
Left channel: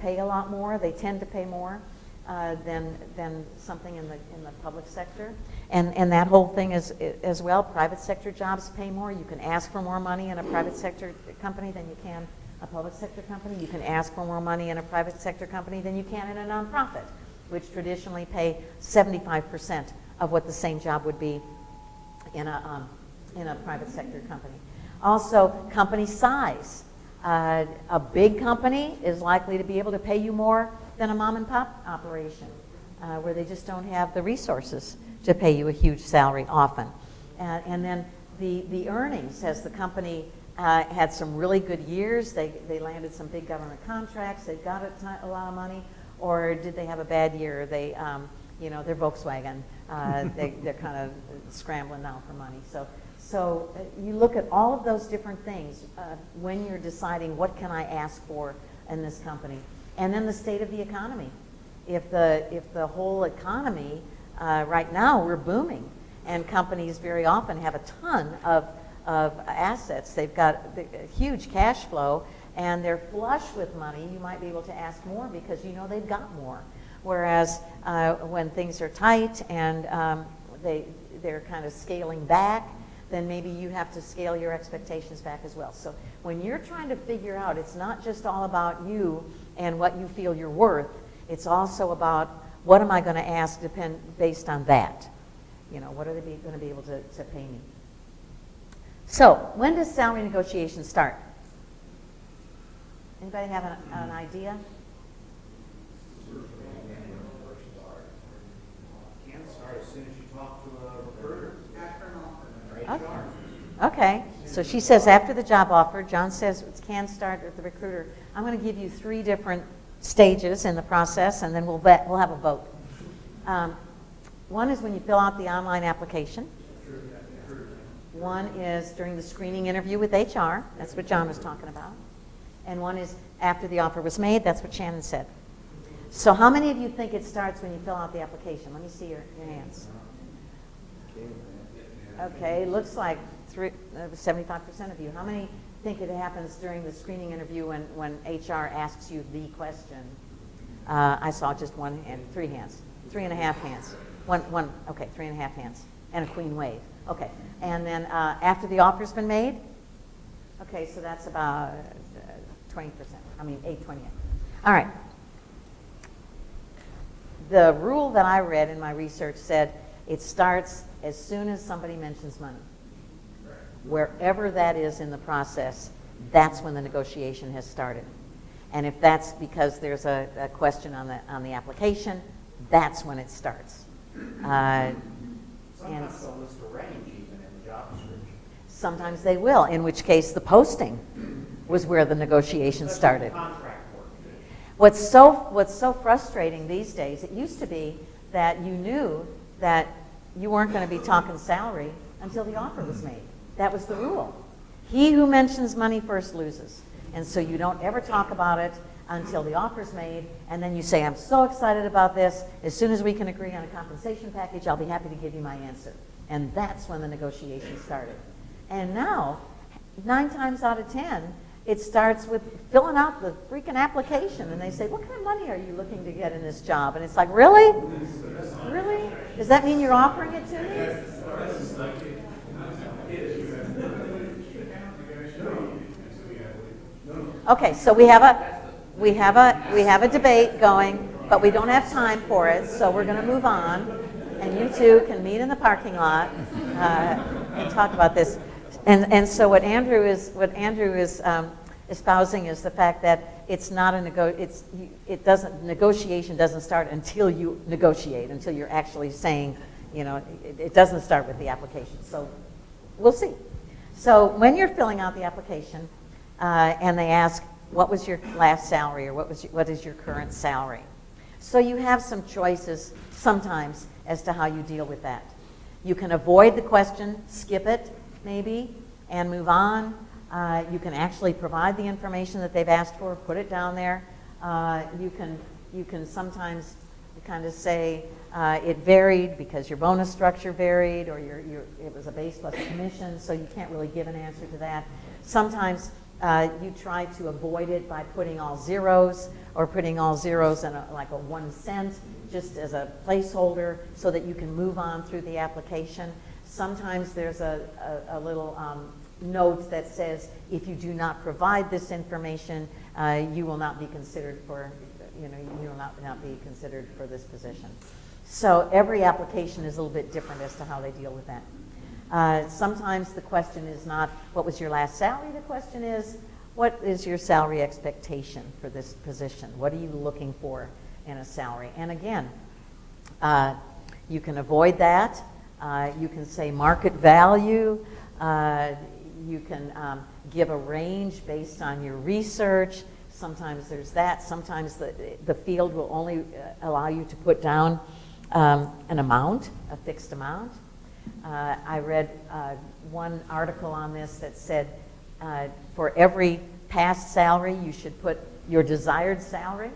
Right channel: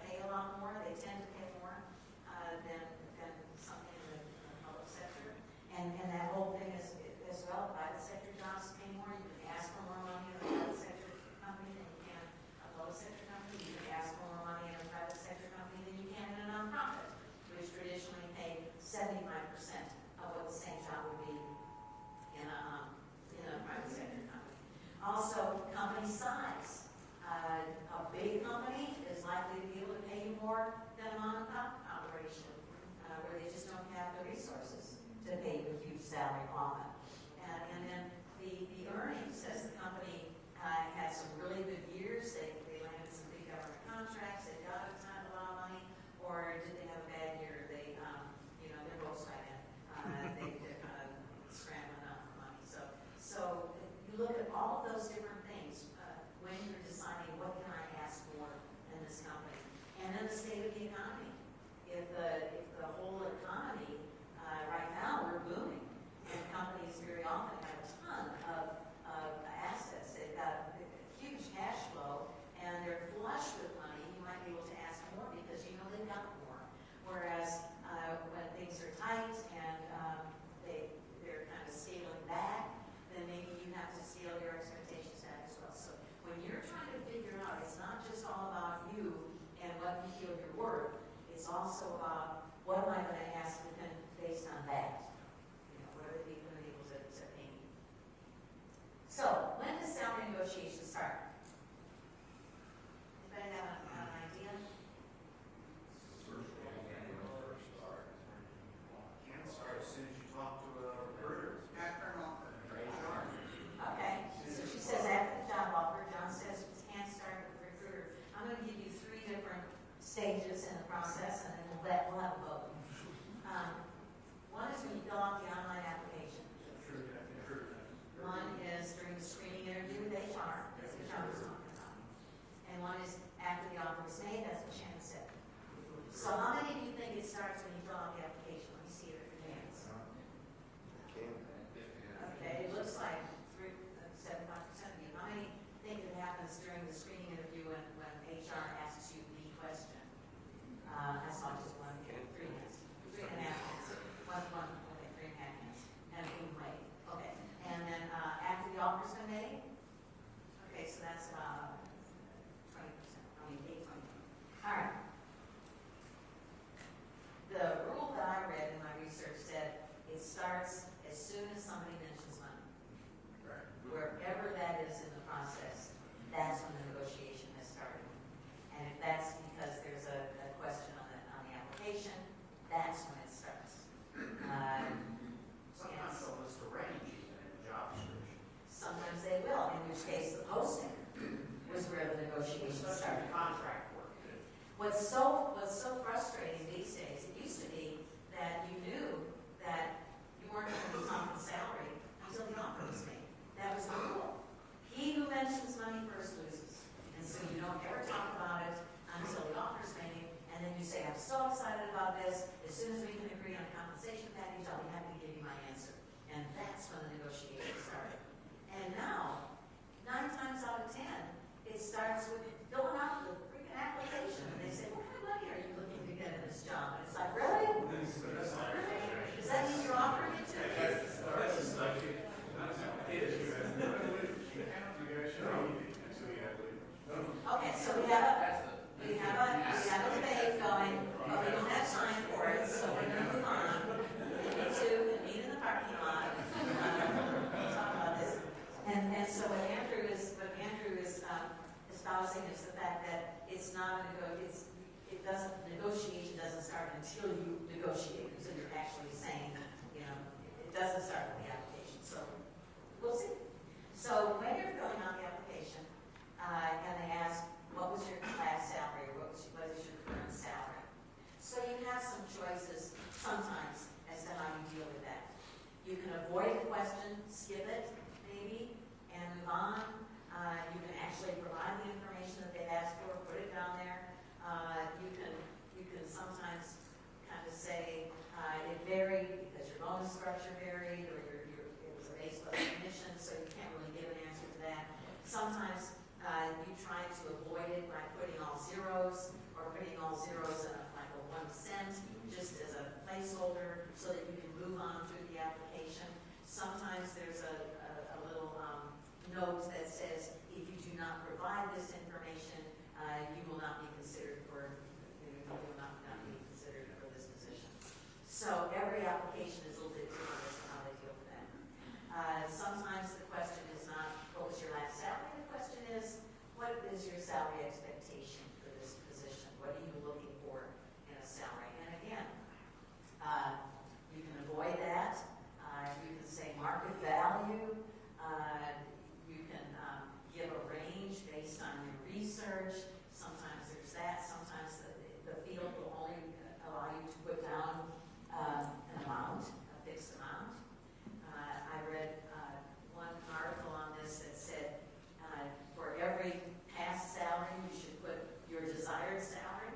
pay a lot more. They tend to pay more than something in the public sector. And that whole thing is as well. Private sector jobs pay more. You can ask for more money in a private sector company than you can a public sector company. You can ask for more money in a private sector company than you can in a nonprofit, which traditionally pay 75% of what the same job would be in a private sector company. Also, company size. A big company is likely to be able to pay you more than a mom and pop operation, where they just don't have the resources to pay you a huge salary often. And then the earnings, as the company had some really good years, they landed some big government contracts, they got a lot of money, or did they have a bad year? They're Volkswagen. They're kind of scrambling now for money. So you look at all of those different things when you're deciding what can I ask for in this company. And then the state of the economy. If the whole economy, right now we're booming, and companies very often have a ton of assets. They've got a huge cash flow, and they're flush with money. You might be able to ask more because they've got more. Whereas when things are tight and they're kind of scaling back, then maybe you have to scale your expectations back as well. So when you're trying to figure out, it's not just all about you and what you feel you're worth. It's also about what am I going to ask based on that. What are they going to be able to pay me? So when does salary negotiation start? Anybody have an idea? Can start as soon as you talk to a recruiter. Okay, so she says after the job offer. John says it can start with the recruiter. I'm going to give you 3 different stages in the process, and then we'll have a vote. One is when you fill out the online application. One is during the screening interview with HR. That's what John was talking about. And one is after the offer was made. That's what Shannon said. So how many of you think it starts when you fill out the application? Let me see your hands. Okay, looks like 75% of you. How many think it happens during the screening interview when HR asks you the question? I saw just 1 hand, 3 hands, 3.5 hands. One, okay, 3.5 hands, and a queen wave. Okay, and then after the offer's been made? Okay, so that's about 20%, 20. All right. The rule that I read in my research said it starts as soon as somebody mentions money. wherever that is in the process, that's when the negotiation has started. And if that's because there's a question on the application, that's when it starts. Sometimes they'll list a range even in the job description. Sometimes they will, in which case the posting was where the negotiation started. Contract work. What's so frustrating these days, it used to be that you knew that you weren't going to be talking salary until the offer was made. That was the rule. He who mentions money first loses. And so you don't ever talk about it until the offer's made, and then you say, I'm so excited about this. As soon as we can agree on a compensation package, I'll be happy to give you my answer. And that's when the negotiation started. And now, 9 times out of 10, it starts with filling out the freaking application, and they say, what kind of money are you looking to get in this job? And it's like, really? Really? Does that mean you're offering it to me? Okay, so we have a debate going, but we don't have time for it, so we're going to move on, and you two can meet in the parking lot and talk about this. And so what Andrew is espousing is the fact that it's not a negotiation doesn't start until you negotiate, until you're actually saying, it doesn't start with the application. So we'll see. So when you're filling out the application, and they ask, what was your last salary, or what is your current salary? So you have some choices sometimes as to how you deal with that. You can avoid the question, skip it maybe, and move on. You can actually provide the information that they've asked for, put it down there. You can sometimes kind of say it varied because your bonus structure varied, or it was a base plus commission, so you can't really give an answer to that. Sometimes you try to avoid it by putting all zeros, or putting all zeros in like a 1 cent, just as a placeholder, so that you can move on through the application. Sometimes there's a little note that says, if you do not provide this information, you will not be considered for, you will not be considered for this position. So every application is a little bit different as to how they deal with that. Sometimes the question is not, what was your last salary? The question is, what is your salary expectation for this position? What are you looking for in a salary? And again, you can avoid that. You can say market value. You can give a range based on your research. Sometimes there's that. Sometimes the field will only allow you to put down an amount, a fixed amount. I read one article on this that said for every past salary, you should put your desired salary,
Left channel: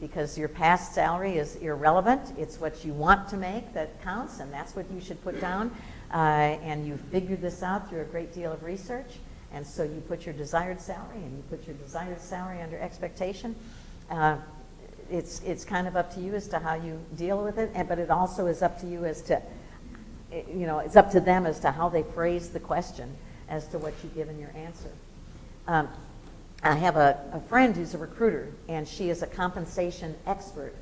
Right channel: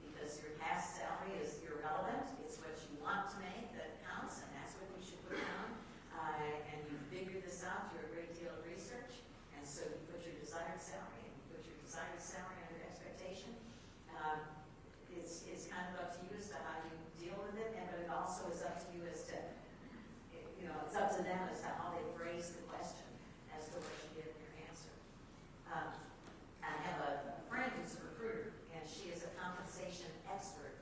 because your past salary is irrelevant. It's what you want to make that counts, and that's what you should put down. And you figured this out through a great deal of research, and so you put your desired salary, and you put your desired salary under expectation. It's kind of up to you as to how you deal with it, but it also is up to you as to, it's up to them as to how they phrase the question as to what you give in your answer. I have a friend who's a recruiter, and she is a compensation expert.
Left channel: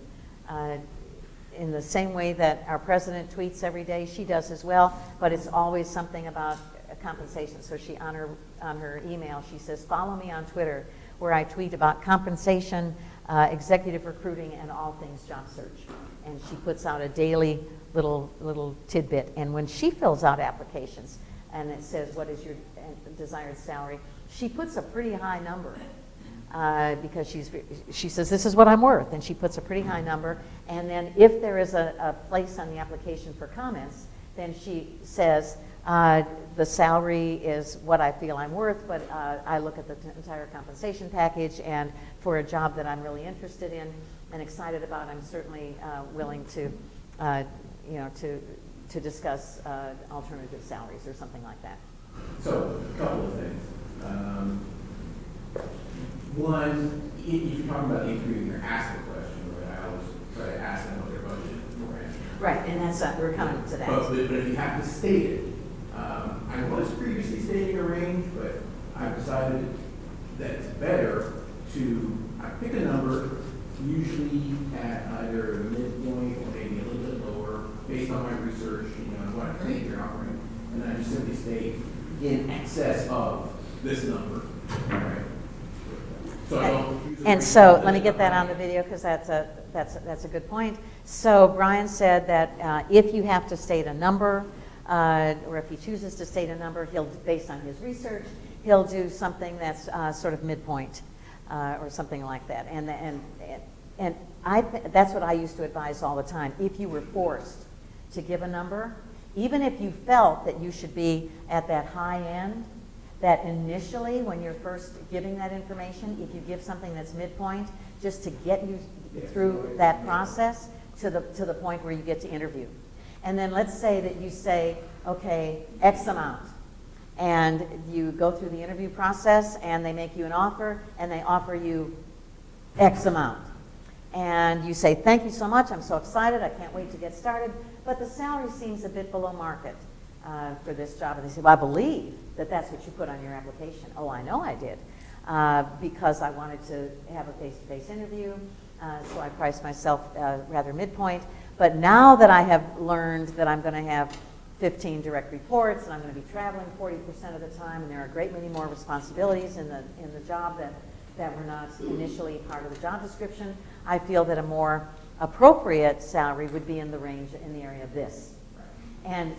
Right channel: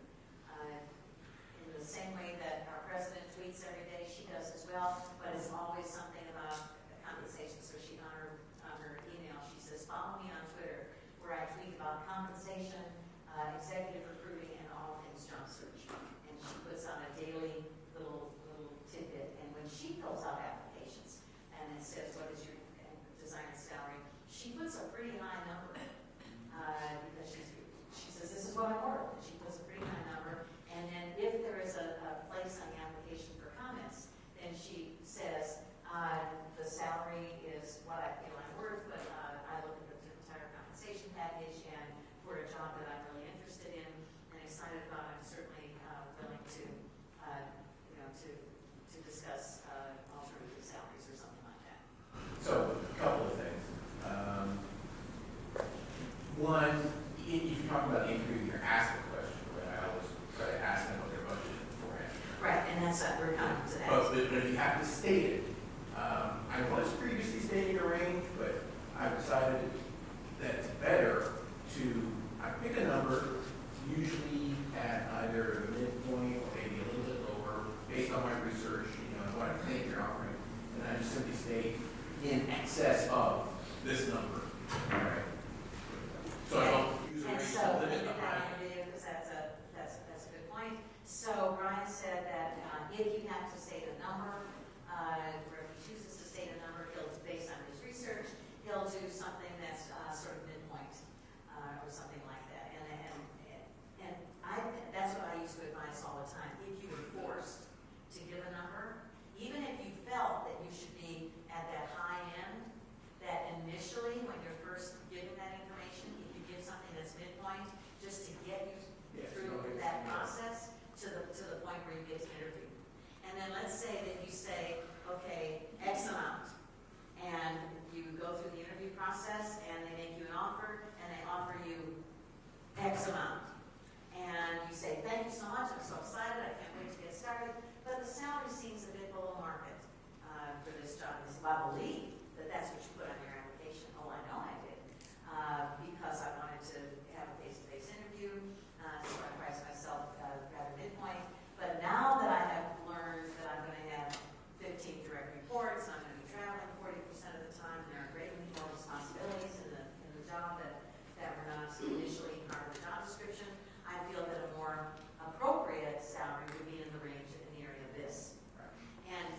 In the same way that our president tweets every day, she does as well, but it's always something about compensation. So she, on her email, she says, follow me on Twitter, where I tweet about compensation, executive recruiting, and all things job search. And she puts out a daily little tidbit. And when she fills out applications, and it says, what is your desired salary, she puts a pretty high number. Because she says, this is what I'm worth, and she puts a pretty high number. And then if there is a place on the application for comments, then she says, the salary is what I feel I'm worth, but I look at the entire compensation package, and for a job that I'm really interested in and excited about, I'm certainly willing to, to discuss alternative salaries or something like that. So, a couple of things. One, if you're talking about the interview, you're asked a question, right? I always try to ask them what their budget is beforehand. Right, and that's we're coming to that. But if you have to state it, I was previously stating a range, but I've decided that it's better to pick a number, usually at either the midpoint or maybe a little bit lower, based on my research, what I think you're offering, and I just simply state in excess of this number, all right? So I don't use a And range so, other let me than get that the on the video, because that's a good point. So Brian said that if you have to state a number, or if he chooses to state a number, he'll, based on his research, he'll do something that's sort of midpoint, or something like that. And that's what I used to advise all the time. If you were forced to give a number, even if you felt that you should be at that high end, that initially, when you're first giving that information, if you give something that's midpoint, just to get you through that process to the point where you get to interview. And then let's say that you say, okay, X amount, and you go through the interview process, and they make you an offer, and they offer you X amount. And you say, thank you so much, I'm so excited, I can't wait to get started, but the salary seems a bit below market for this job. And they say, well, I believe that that's what you put on your application. Oh, I know I did, because I wanted to have a face-to-face interview, so I priced myself rather midpoint. But now that I have learned that I'm going to have 15 direct reports, and I'm going to be traveling 40% of the time, and there are a great many more responsibilities in the job that were not initially part of the job description, I feel that a more appropriate salary would be in the range, in the area of this. And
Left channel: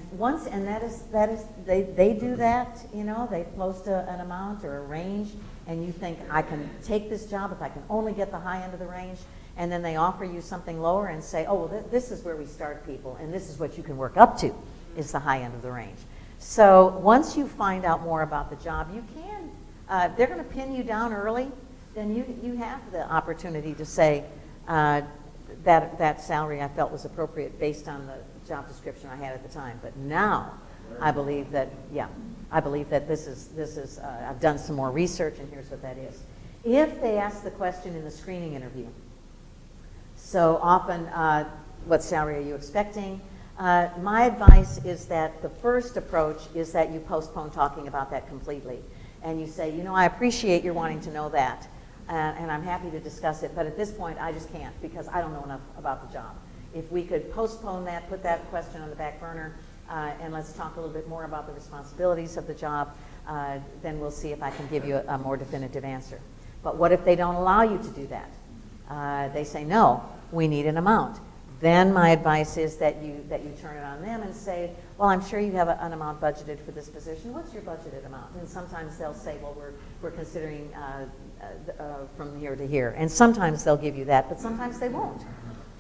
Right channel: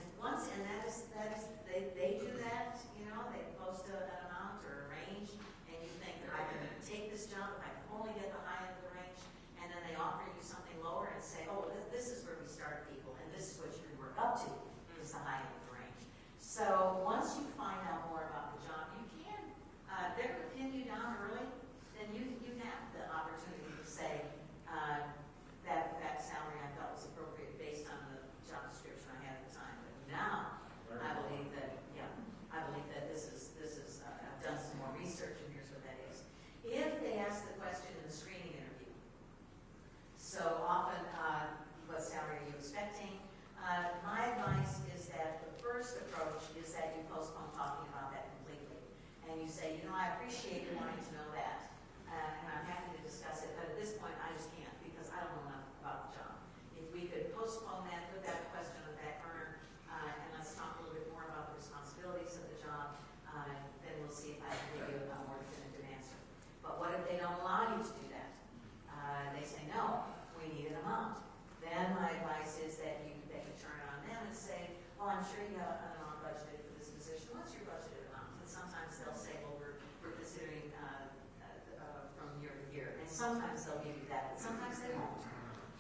they do that, you know, they post an amount or a range, and you think, I can take this job if I can only get the high end of the range, and then they offer you something lower and say, oh, well, this is where we start people, and this is what you can work up to, is the high end of the range. So once you find out more about the job, you can, they're going to pin you down early, then you have the opportunity to say, that salary I felt was appropriate based on the job description I had at the time. But now, I believe that, this is I've done some more research, and here's what that is. If they ask the question in the screening interview, so often, what salary are you expecting? My advice is that the first approach is that you postpone talking about that completely. And you say, you know, I appreciate your wanting to know that, and I'm happy to discuss it, but at this point, I just can't, because I don't know enough about the job. If we could postpone that, put that question on the back burner, and let's talk a little bit more about the responsibilities of the job, then we'll see if I can give you a more definitive answer. But what if they don't allow you to do that? They say, no, we need an amount. Then my advice is that you turn it on them and say, well, I'm sure you have an amount budgeted for this position. What's your budgeted amount? And sometimes they'll say, well, we're considering from year to year. And sometimes they'll give you that, but sometimes they won't.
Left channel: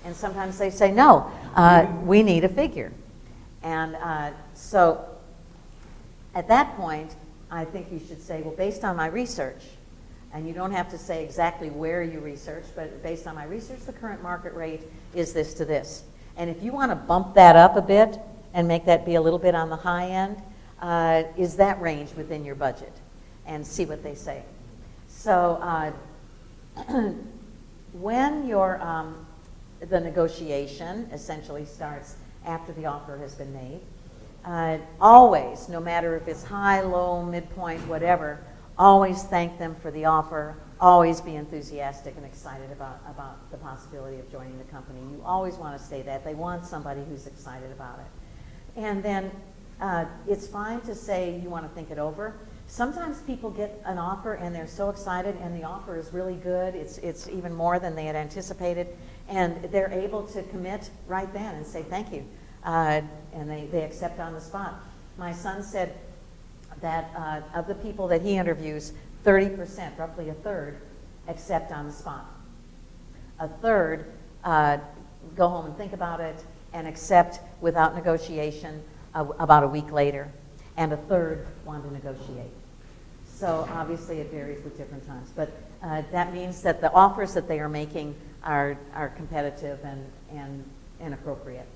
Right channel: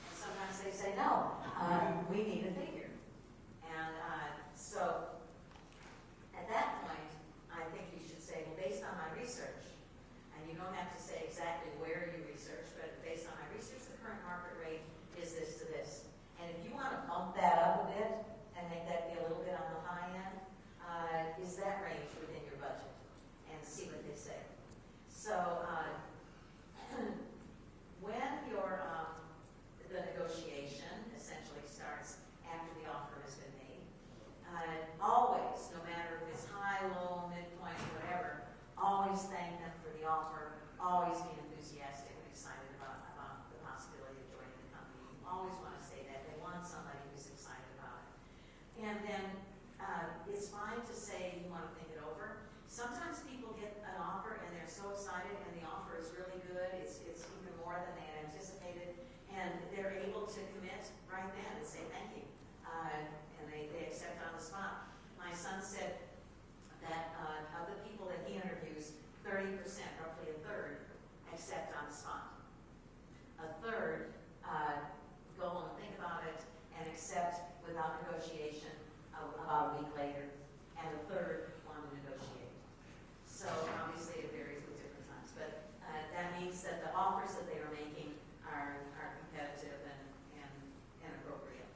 And sometimes they say, no, we need a figure. And so at that point, I think you should say, well, based on my research, and you don't have to say exactly where you researched, but based on my research, the current market rate is this to this. And if you want to bump that up a bit and make that be a little bit on the high end, is that range within your budget? And see what they say. So when the negotiation essentially starts after the offer has been made, always, no matter if it's high, low, midpoint, whatever, always thank them for the offer, always be enthusiastic and excited about the possibility of joining the company. You always want to say that. They want somebody who's excited about it. And then it's fine to say you want to think it over. Sometimes people get an offer and they're so excited, and the offer is really good. It's even more than they had anticipated, and they're able to commit right then and say thank you, and they accept on the spot. My son said that of the people that he interviews, 30%, roughly a third, accept on the spot. A third go home and think about it and accept without negotiation about a week later, and a third want to negotiate. So obviously it varies with different times, but that means that the offers that they are making are competitive and appropriate.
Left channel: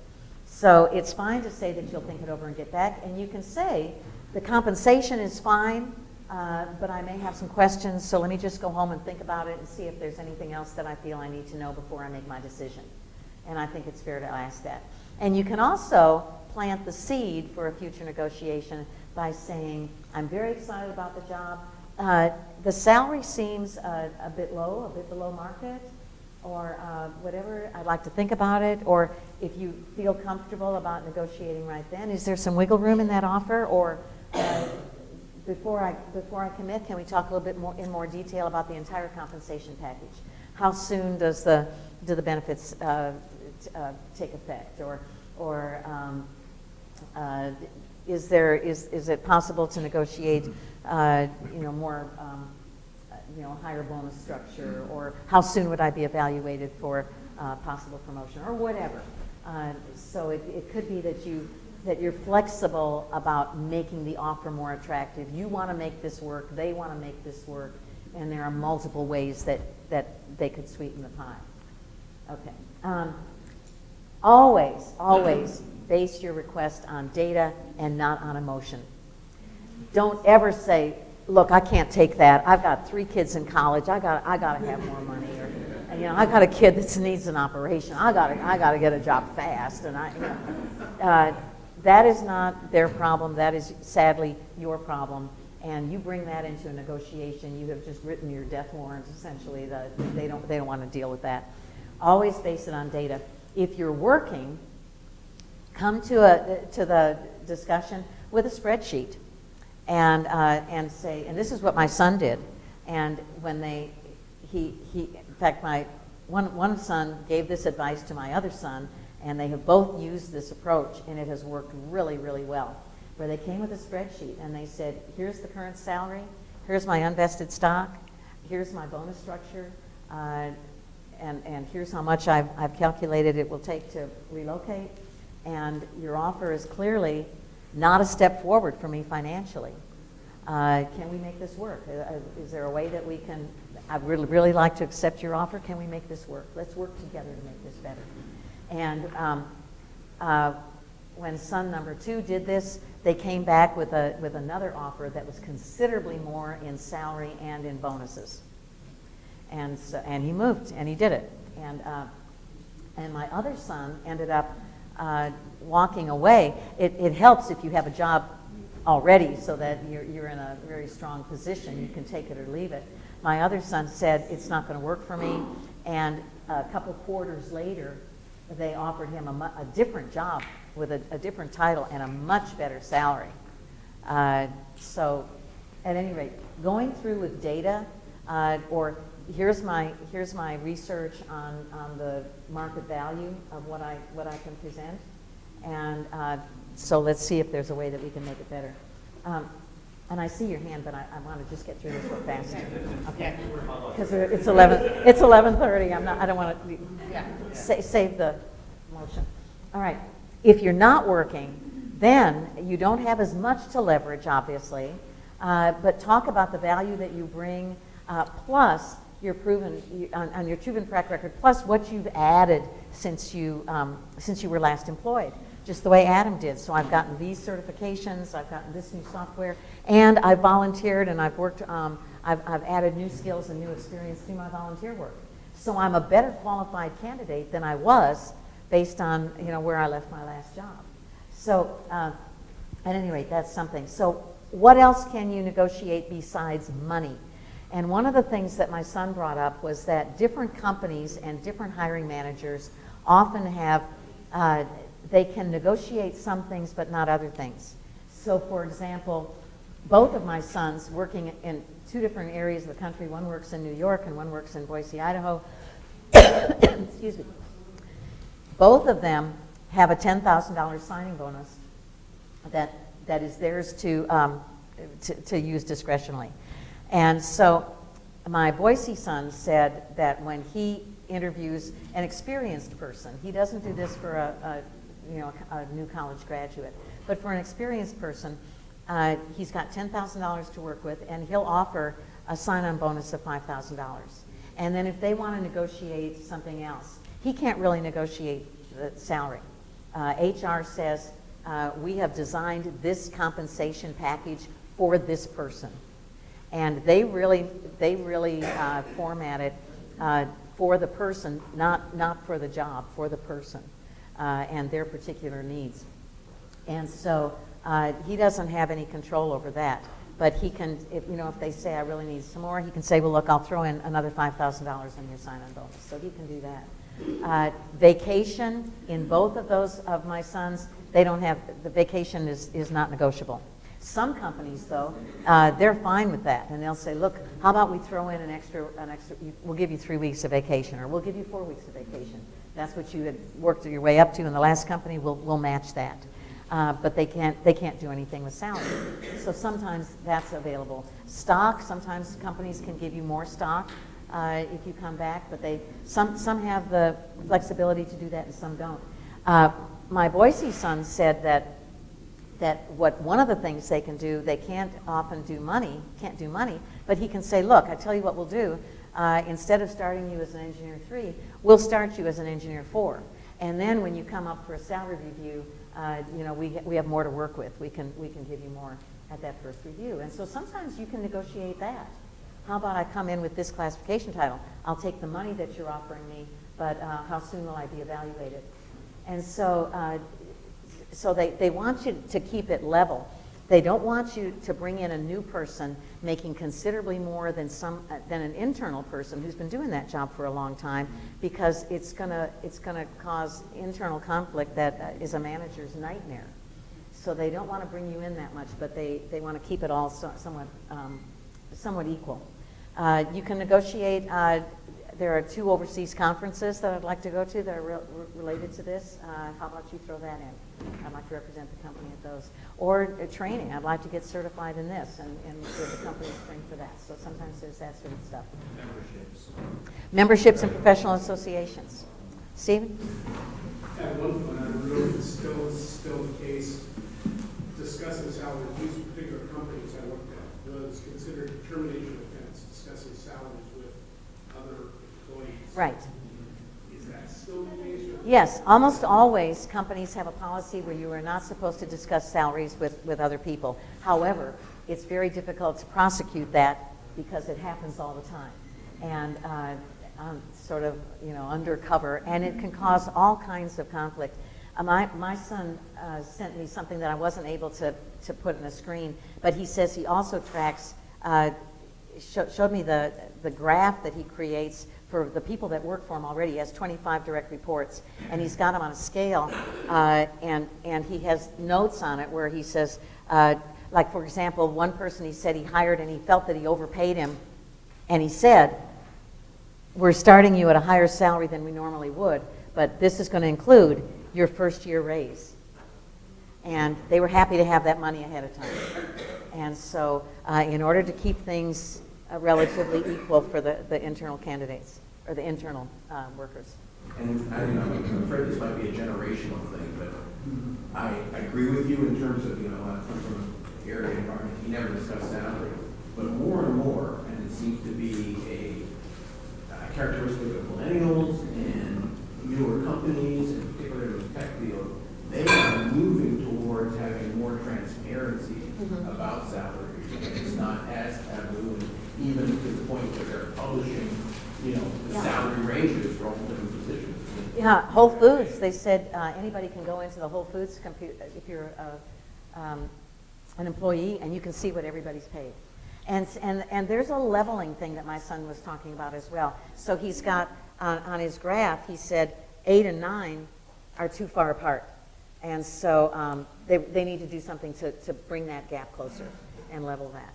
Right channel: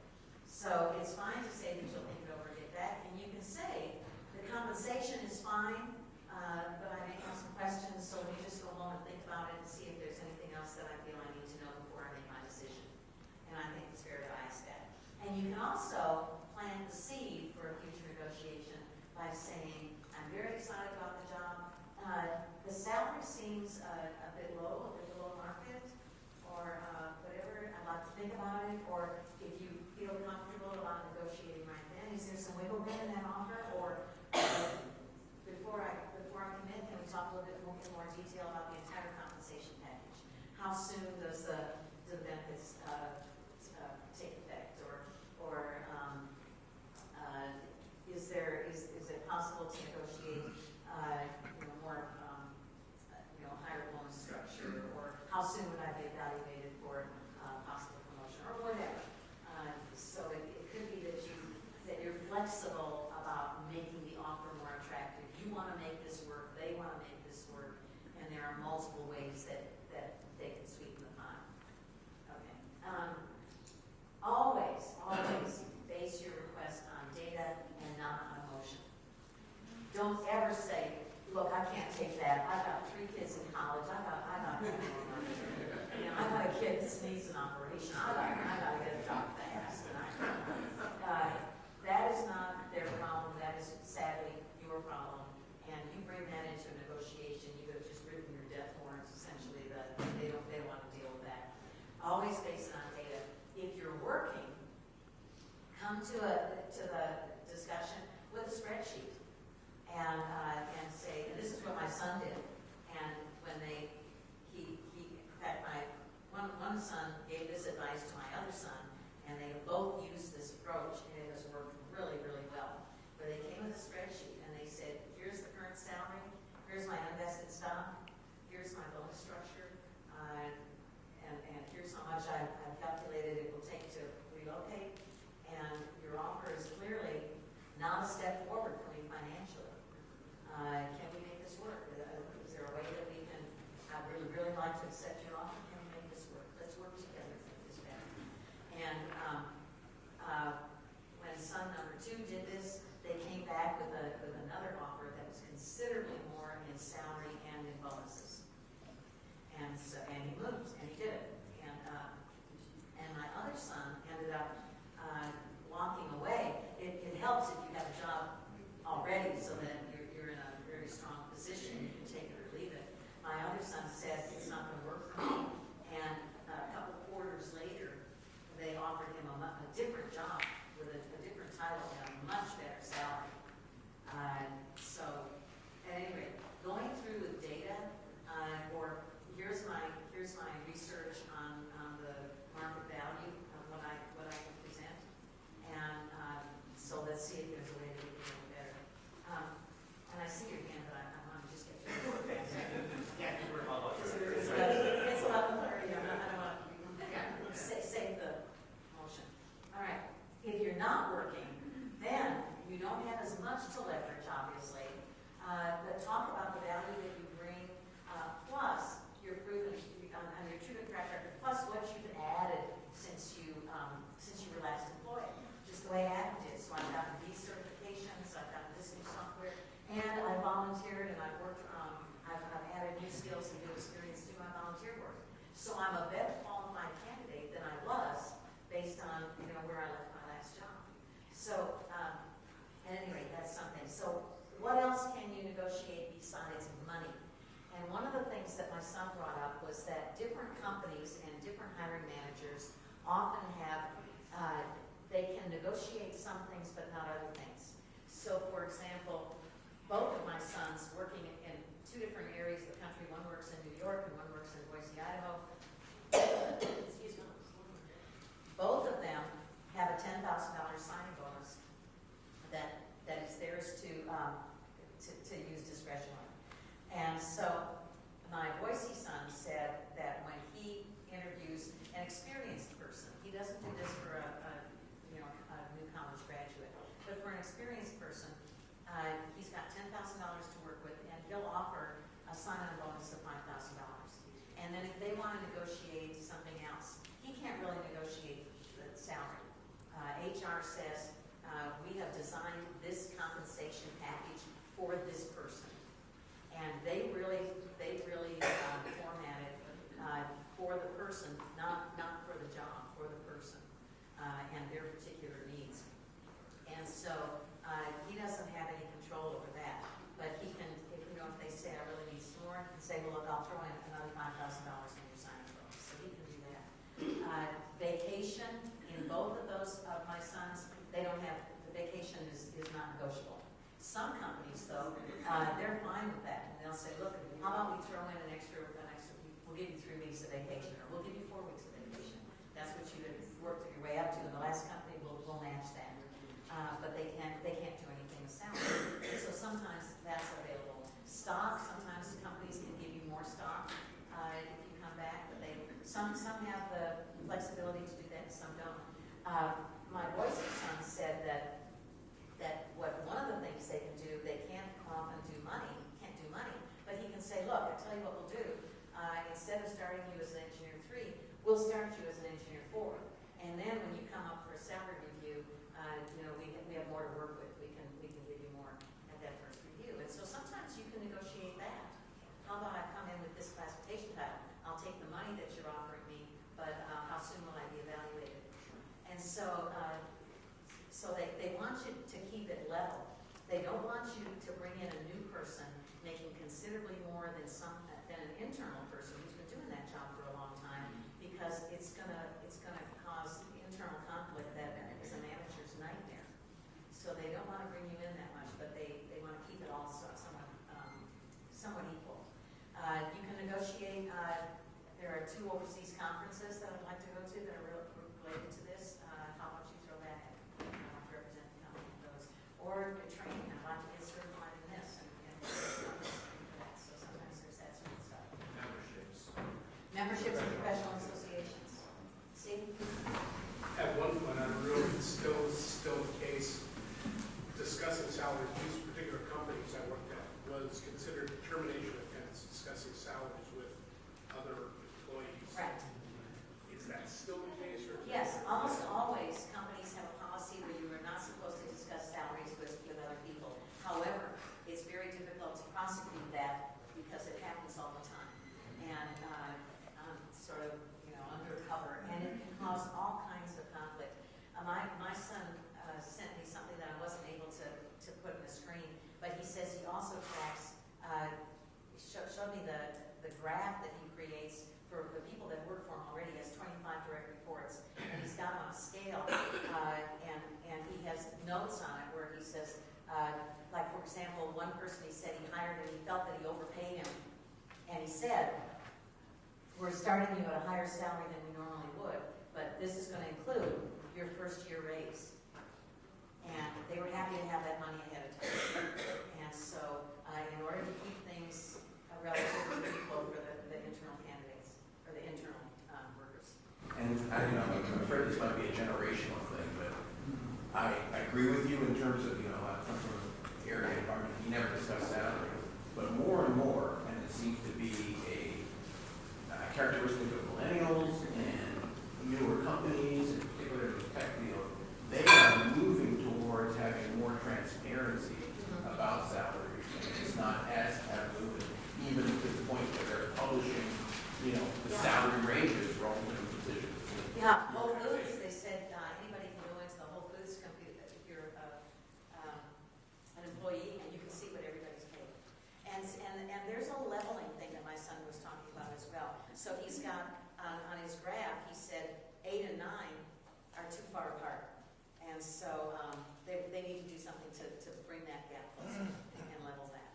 So it's fine to say that you'll think it over and get back, and you can say the compensation is fine, but I may have some questions, so let me just go home and think about it and see if there's anything else that I feel I need to know before I make my decision. And I think it's fair to ask that. And you can also plant the seed for a future negotiation by saying, I'm very excited about the job. The salary seems a bit low, a bit below market, or whatever. I'd like to think about it. Or if you feel comfortable about negotiating right then, is there some wiggle room in that offer? Or before I commit, can we talk a little bit more in more detail about the entire compensation package? How soon do the benefits take effect, or is it possible to negotiate more higher bonus structure, or how soon would I be evaluated for possible promotion, or whatever? So it could be that you're flexible about making the offer more attractive. You want to make this work, they want to make this work, and there are multiple ways that they could sweeten the pie. Okay. Always base your request on data and not on emotion. Don't ever say, look, I can't take that. I've got 3 kids in college. I gotta have more money. And, I got a kid that needs an operation. I gotta get a job fast. And that is not their problem. That is sadly your problem. And you bring that into a negotiation, you have just written your death warrants. Essentially, they don't want to deal with that. Always base it on data. If you're working, come to the discussion with a spreadsheet, and say, and this is what my son did. And when in fact, my one son gave this advice to my other son, and they have both used this approach, and it has worked really, really well. Where they came with a spreadsheet, and they said, here's the current salary, here's my unvested stock, here's my bonus structure, and here's how much I've calculated it will take to relocate, and your offer is clearly not a step forward for me financially. Can we make this work? Is there a way that we can, I'd really like to accept your offer, can we make this work? Let's work together to make this better. And when son number 2 did this, they came back with another offer that was considerably more in salary and in bonuses. And he moved, and he did it. And my other son ended up walking away. It helps if you have a job already, so that you're in a very strong position. You can take it or leave it. My other son said, it's not going to work for me. And a couple quarters later, they offered him a different job with a different title and a much better salary. So at any rate, going through with data, or here's my research on the market value of what I can present, and so let's see if there's a way that we can make it better. And I see your hand, but I want to just get through this real fast. Okay. Because it's 11:30. I don't want to save the motion. All right. If you're not working, then you don't have as much to leverage, obviously. But talk about the value that you bring, plus your proven track record, plus what you've added since you were last employed, just the way Adam did. So I've gotten these certifications, I've gotten this new software, and I've volunteered, and I've worked. I've added new skills and new experience through my volunteer work. So I'm a better qualified candidate than I was based on where I left my last job. So at any rate, that's something. So what else can you negotiate besides money? And one of the things that my son brought up was that different companies and different hiring managers often have, they can negotiate some things but not other things. So for example, both of my sons working in 2 different areas of the country, one works in New York and one works in Boise, Idaho. Excuse me. Both of them have a $10,000 signing bonus that is theirs to use discretionally. And so my Boise son said that when he interviews an experienced person, he doesn't do this for a new college graduate, but for an experienced person, he's got $10,000 to work with, and he'll offer a sign-on bonus of $5,000. And then if they want to negotiate something else, he can't really negotiate the salary. HR says, we have designed this compensation package for this person. And they really format it for the person, not for the job, for the person and their particular needs. And so he doesn't have any control over that. But he can, if they say I really need some more, he can say, well, look, I'll throw in another $5,000 in your sign-on bonus. So he can do that. Vacation in both of those of my sons, they don't have, the vacation is not negotiable. Some companies, though, they're fine with that, and they'll say, look, how about we throw in an extra, we'll give you 3 weeks of vacation, or we'll give you 4 weeks of vacation. That's what you had worked your way up to in the last company, we'll match that. But they can't do anything with salary. So sometimes that's available. Stock, sometimes companies can give you more stock if you come back, but some have the flexibility to do that and some don't. My Boise son said that one of the things they can do, they can't do money, but he can say, look, I tell you what we'll do, instead of starting you as an engineer 3, we'll start you as an engineer 4. And then when you come up for a salary review, we have more to work with. We can give you more at that first review. And so sometimes you can negotiate that. How about I come in with this classification title? I'll take the money that you're offering me, but how soon will I be evaluated? And so, they want you to keep it level. They don't want you to bring in a new person making considerably more than an internal person who's been doing that job for a long time, because it's gonna cause internal conflict that is a manager's nightmare. So they don't want to bring you in that much, but they want to keep it all somewhat equal. You can negotiate. There are 2 overseas conferences that I'd like to go to that are related to this. How about you throw that in? I'd like to represent the company at those. Or training. I'd like to get certified in this, and the company's trained for that. So sometimes there's that sort of stuff. Memberships and professional associations. Stephen? At one point, I don't know if it's still the case, discussing salaries, these particular companies I worked at was considered a termination offense, discussing salaries with other employees. Right. Is that still the case? Yes, almost always companies have a policy where you are not supposed to discuss salaries with other people. However, it's very difficult to prosecute that because it happens all the time. And sort of, undercover, and it can cause all kinds of conflict. My son sent me something that I wasn't able to put in a screen, but he says he also tracks, showed me the graph that he creates for the people that work for him already. He has 25 direct reports, and he's got them on a scale, and he has notes on it where he says, like for example, one person he said he hired and he felt that he overpaid him, and he said, we're starting you at a higher salary than we normally would, but this is going to include your first year raise. And they were happy to have that money ahead of time. And so in order to keep things relatively equal for the internal candidates, or the internal workers. And I'm afraid this might be a generational thing, but I agree with you in terms of, I come from an area environment, you never discuss salary, but more and more, and it seems to be a characteristic of millennials and newer companies, in particular in the tech field, they are moving towards having more transparency about salaries. It's not as taboo, and even to the point where they're publishing, the salary ranges for all different positions. Yeah, Whole Foods, they said anybody can go into the Whole Foods computer if you're an employee, and you can see what everybody's paid. And there's a leveling thing that my son was talking about as well. So he's got, on his graph, he said 8 and 9 are too far apart. And so they need to do something to bring that gap closer and level that.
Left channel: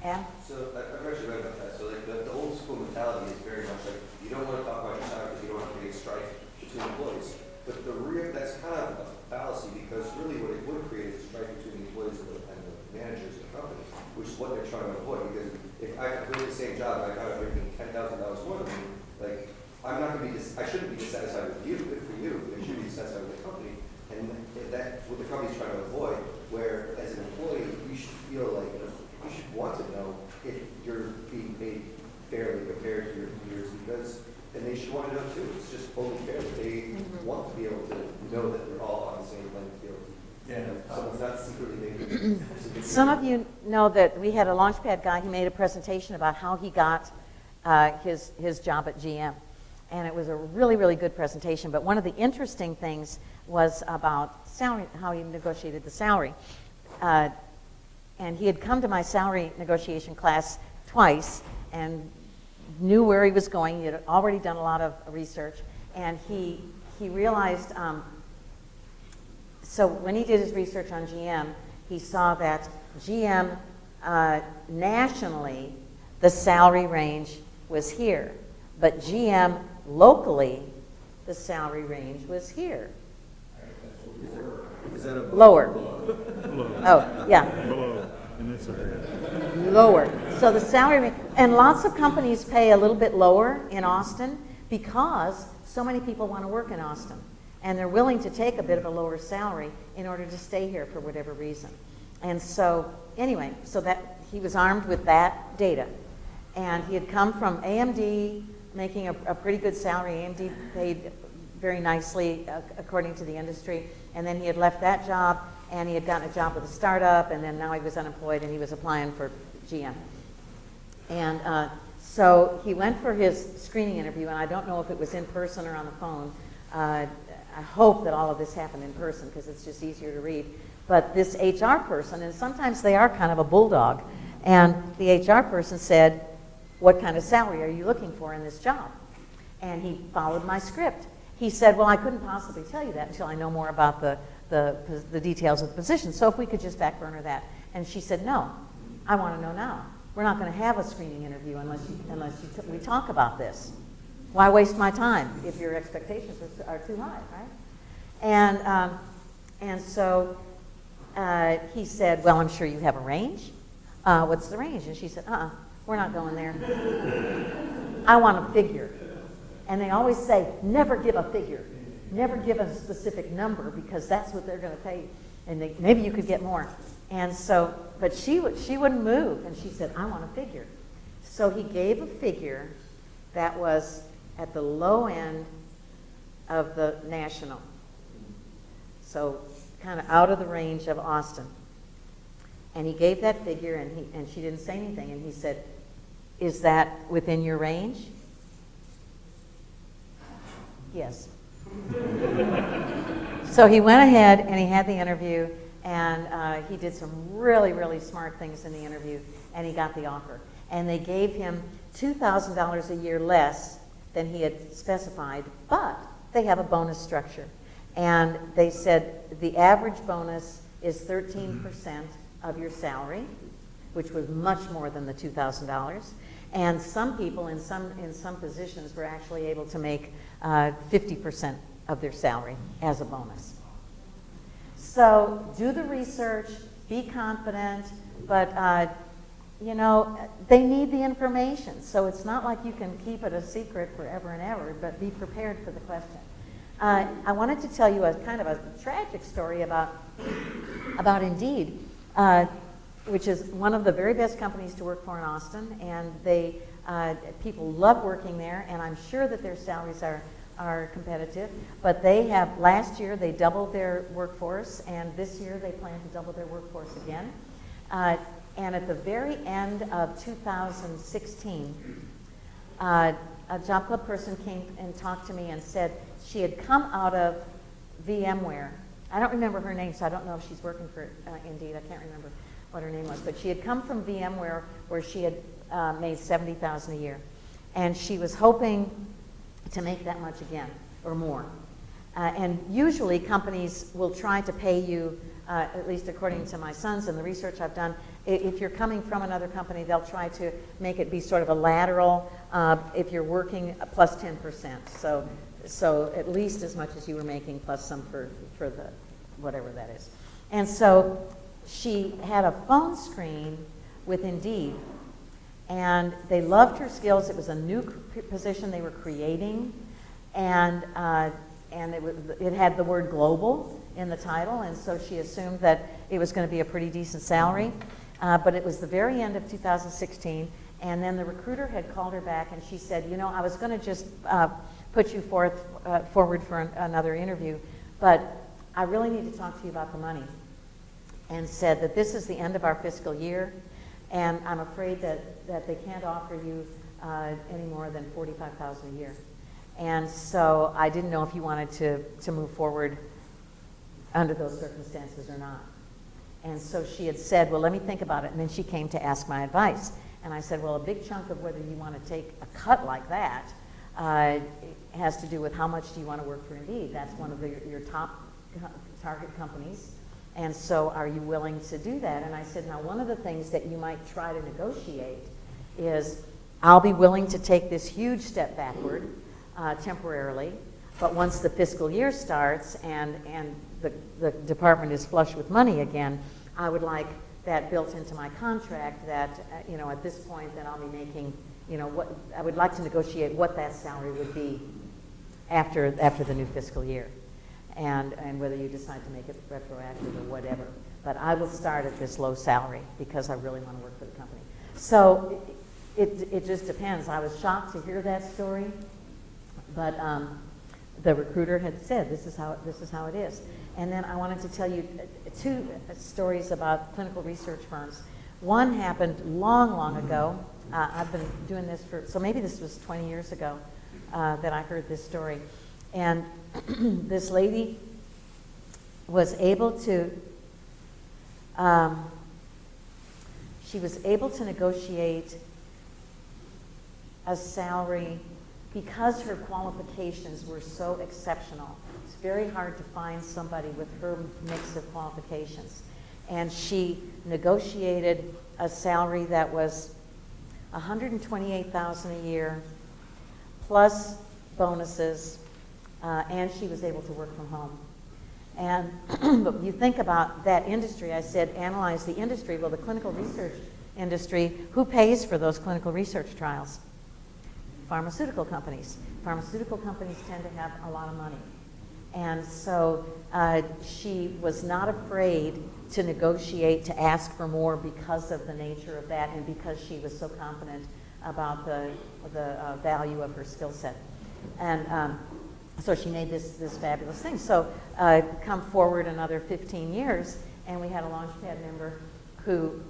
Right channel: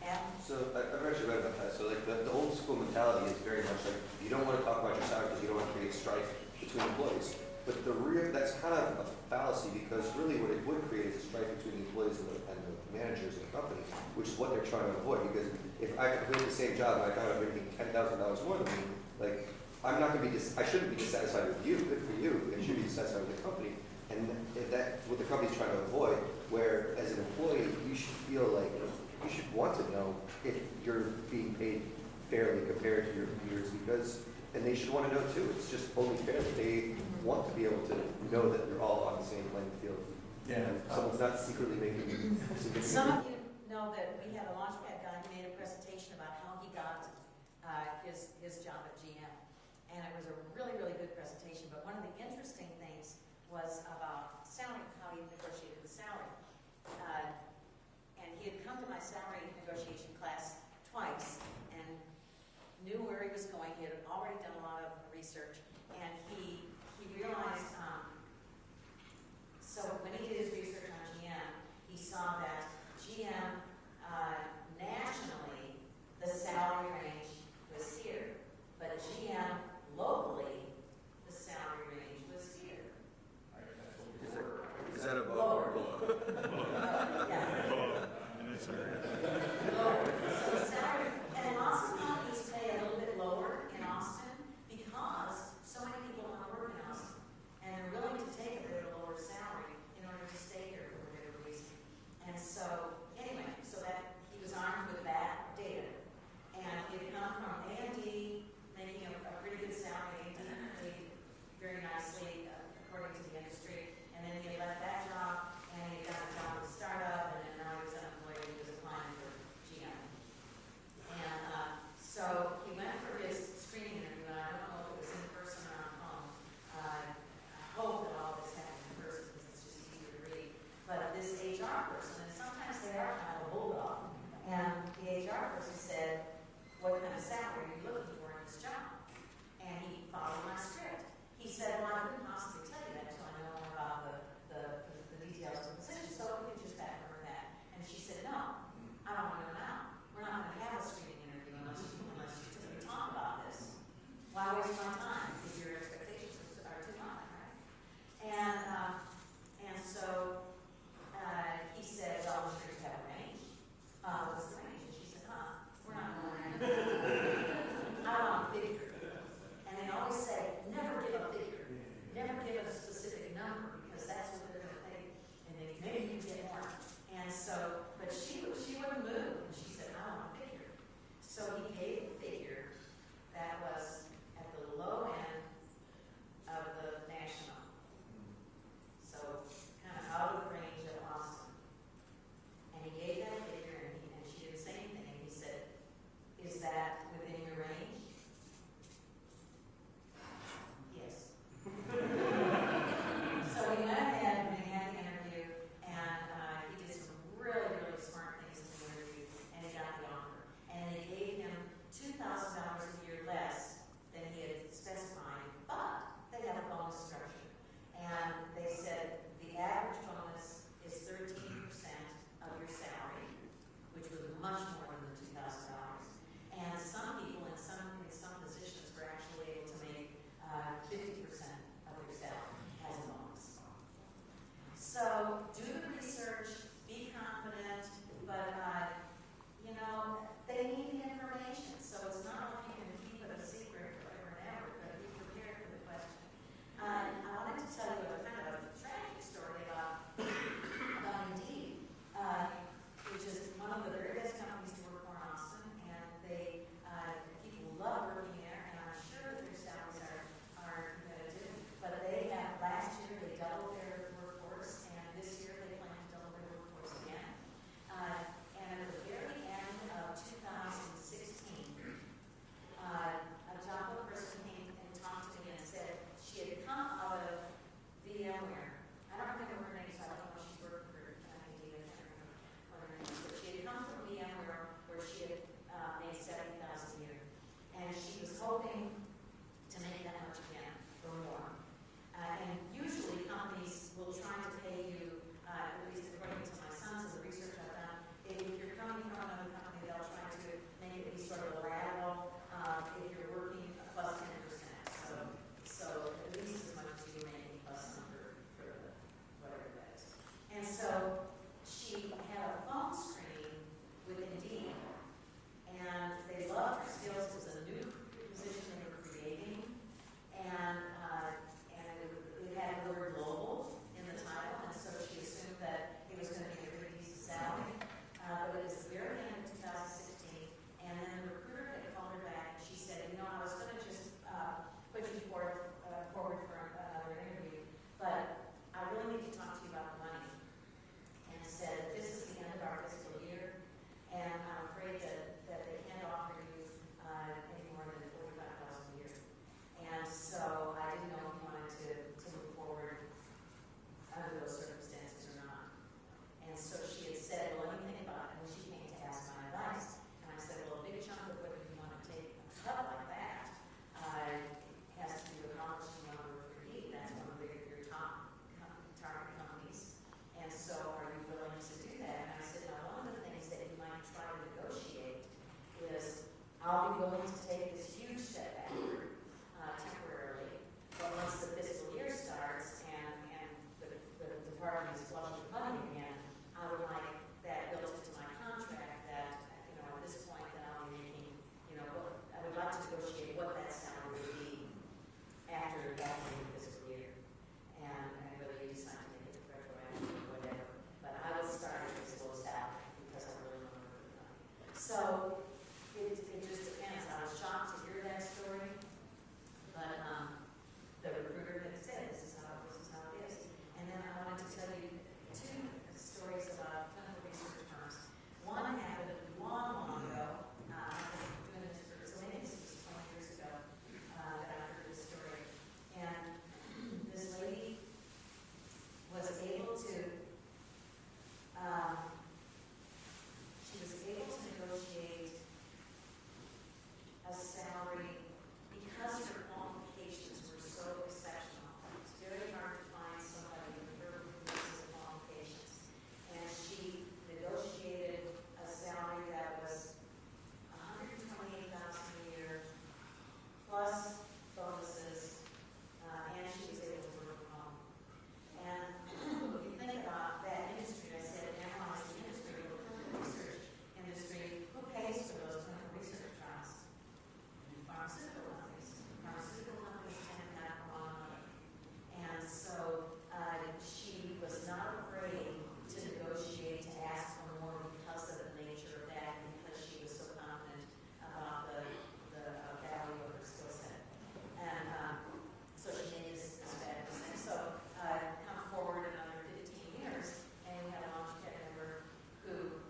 And? So I've actually read about that. So like the old school mentality is very much like you don't want to talk about your salary because you don't want to create strife between employees. But that's kind of a fallacy, because really what it would create is a strife between the employees and the managers of the company, which is what they're trying to avoid. Because if I complete the same job and I got making $10,000 more than me, like I'm not going to be I shouldn't be dissatisfied with you. Good for you. I should be dissatisfied with the company. And that's what the company's trying to avoid. Where as an employee, you should feel like you should want to know if you're being paid fairly compared to your peers, and they should want to know too. It's just only fair that they want to be able to know that we're all on the same playing field. Yeah. Someone's not secretly making. Some of you know that we had a Launchpad guy. He made a presentation about how he got his job at GM, and it was a really, really good presentation. But one of the interesting things was about salary, how he negotiated the salary. And he had come to my salary negotiation class twice and knew where he was going. He had already done a lot of research, and he realized, so when he did his research on GM, he saw that GM nationally, the salary range was here, but GM locally, the salary range was here. Is that a Lower. Oh, yeah. Below, in this area. Lower. So the salary, and lots of companies pay a little bit lower in Austin because so many people want to work in Austin. And they're willing to take a bit of a lower salary in order to stay here for whatever reason. And so, anyway, so that he was armed with that data. And he had come from AMD, making a pretty good salary. AMD paid very nicely according to the industry. And then he had left that job, and he had gotten a job with a startup, and then now he was unemployed, and he was applying for GM. And so he went for his screening interview, and I don't know if it was in person or on the phone. I hope that all of this happened in person, because it's just easier to read. But this HR person, and sometimes they are kind of a bulldog, and the HR person said, "What kind of salary are you looking for in this job?" And he followed my script. He said, "Well, I couldn't possibly tell you that until I know more about the details of the position. So if we could just back burner that." And she said, "No, I want to know now. We're not going to have a screening interview unless we talk about this. Why waste my time if your expectations are too high, right?" And so he said, "Well, I'm sure you have a range. What's the range?" And she said, "We're not going there. I want a figure." And they always say, never give a figure. Never give a specific number, because that's what they're going to pay. And maybe you could get more. And so, but she wouldn't move. And she said, "I want a figure." So he gave a figure that was at the low end of the national. So kind of out of the range of Austin. And he gave that figure, and she didn't say anything. And he said, "Is that within your range?" Yes. So he went ahead and he had the interview, and he did some really, really smart things in the interview, and he got the offer. And they gave him $2,000 a year less than he had specified, but they have a bonus structure. And they said the average bonus is 13% of your salary, which was much more than the $2,000. And some people in some positions were actually able to make 50% of their salary as a bonus. So do the research, be confident, but they need the information. So it's not like you can keep it a secret forever and ever, but be prepared for the question. I wanted to tell you a kind of a tragic story about Indeed, which is one of the very best companies to work for in Austin, and people love working there, and I'm sure that their salaries are competitive. But last year they doubled their workforce, and this year they plan to double their workforce again. And at the very end of 2016, a job club person came and talked to me and said she had come out of VMware. I don't remember her name, so I don't know if she's working for Indeed. I can't remember what her name was, but she had come from VMware where she had made $70,000 a year, and she was hoping to make that much again or more. And usually companies will try to pay you, at least according to my sons and the research I've done, if you're coming from another company, they'll try to make it be sort of a lateral, if you're working plus 10%. So at least as much as you were making plus some for the whatever that is. And so she had a phone screen with Indeed, and they loved her skills. It was a new position they were creating, and it had the word global in the title, and so she assumed that it was going to be a pretty decent salary. But it was the very end of 2016, and then the recruiter had called her back, and she said, I was going to just put you forward for another interview, but I really need to talk to you about the money. And said that this is the end of our fiscal year, and I'm afraid that they can't offer you any more than $45,000 a year. And so I didn't know if you wanted to move forward under those circumstances or not. And so she had said, well, let me think about it. And then she came to ask my advice. And I said, well, a big chunk of whether you want to take a cut like that has to do with how much do you want to work for Indeed. That's one of your top target companies. And so are you willing to do that? And I said, now one of the things that you might try to negotiate is I'll be willing to take this huge step backward temporarily, but once the fiscal year starts and the department is flush with money again, I would like that built into my contract that, at this point that I'll be making, what I would like to negotiate what that salary would be after the new fiscal year. And whether you decide to make it retroactive or whatever. But I will start at this low salary because I really want to work for the company. So it just depends. I was shocked to hear that story, but the recruiter had said this is how it is. And then I wanted to tell you two stories about clinical research firms. One happened long ago. I've been doing this so maybe this was 20 years ago that I heard this story. And this lady was able to, negotiate a salary because her qualifications were so exceptional. It's very hard to find somebody with her mix of qualifications. And she negotiated a salary that was $128,000 a year plus bonuses, and she was able to work from home. And but you think about that industry, I said analyze the industry. Well, the clinical research industry, who pays for those clinical research trials? Pharmaceutical companies. Pharmaceutical companies tend to have a lot of money. And so she was not afraid to negotiate, to ask for more because of the nature of that and because she was so confident about the value of her skill set. And so she made this fabulous thing. So come forward another 15 years, and we had a Launchpad member who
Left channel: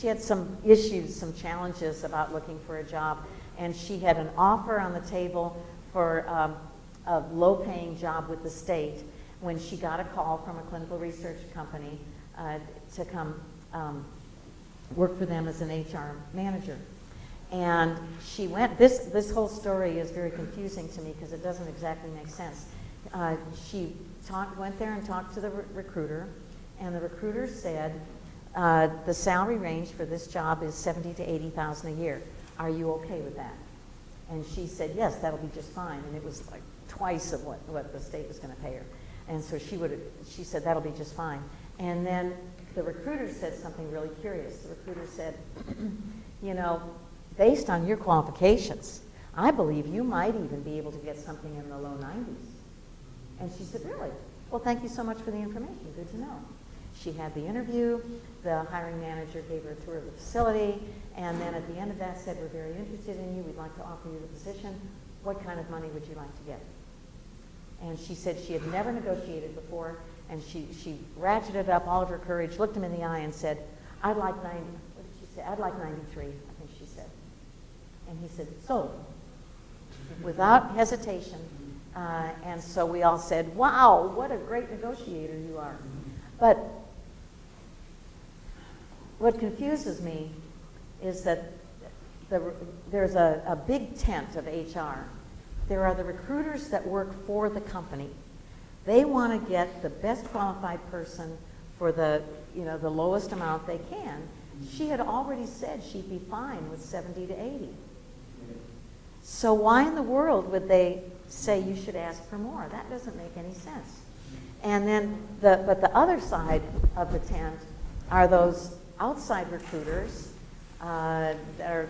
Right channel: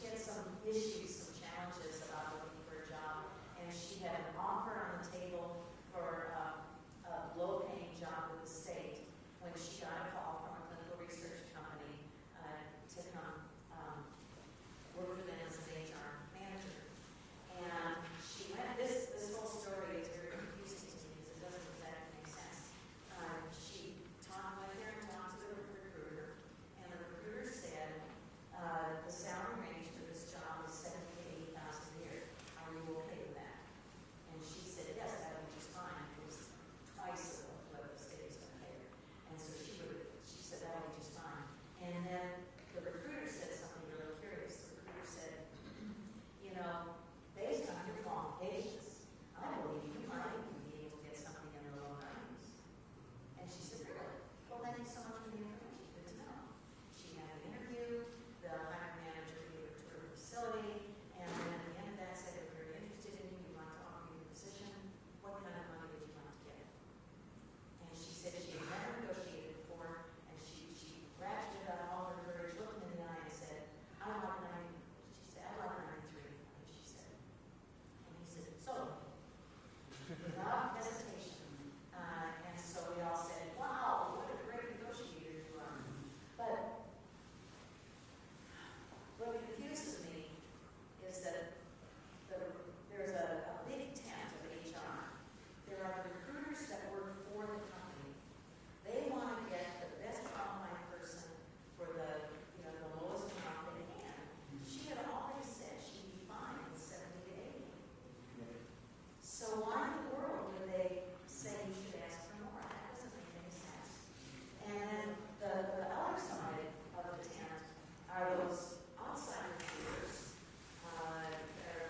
she had some issues, some challenges about looking for a job, and she had an offer on the table for a low-paying job with the state when she got a call from a clinical research company to come work for them as an HR manager. And she went, this whole story is very confusing to me because it doesn't exactly make sense. She went there and talked to the recruiter, and the recruiter said, the salary range for this job is $70,000 to $80,000 a year. Are you okay with that? And she said, yes, that'll be just fine. And it was like twice of what the state was going to pay her. And so she said, that'll be just fine. And then the recruiter said something really curious. The recruiter said, based on your qualifications, I believe you might even be able to get something in the low 90s. And she said, really? Well, thank you so much for the information. Good to know. She had the interview. The hiring manager gave her a tour of the facility. And then at the end of that said, we're very interested in you. We'd like to offer you the position. What kind of money would you like to get? And she said she had never negotiated before. And she ratcheted up all of her courage, looked him in the eye and said, I'd like 90. What did she say? I'd like 93, I think she said. And he said, sold. Without hesitation. And so we all said, wow, what a great negotiator you are. But what confuses me is that there's a big tent of HR. There are the recruiters that work for the company. They want to get the best qualified person for the lowest amount they can. She had already said she'd be fine with 70 to 80. So why in the world would they say you should ask for more? That doesn't make any sense. And then, but the other side of the tent are those outside recruiters that are,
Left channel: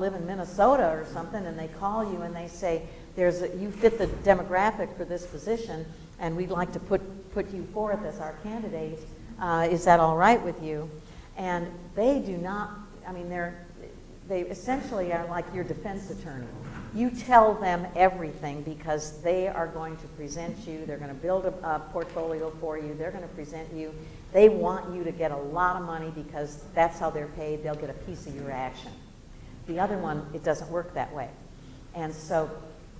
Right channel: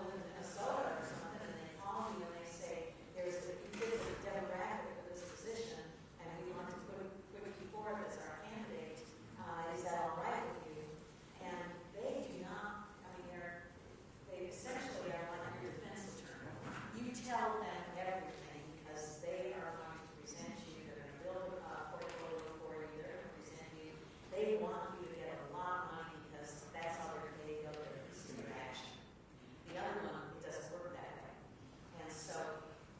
live in Minnesota or something, and they call you and they say, you fit the demographic for this position, and we'd like to put you forth as our candidate. Is that all right with you? And they do not, they essentially are like your defense attorney. You tell them everything because they are going to present you. They're going to build a portfolio for you. They're going to present you. They want you to get a lot of money because that's how they're paid. They'll get a piece of your action. The other one, it doesn't work that way. And so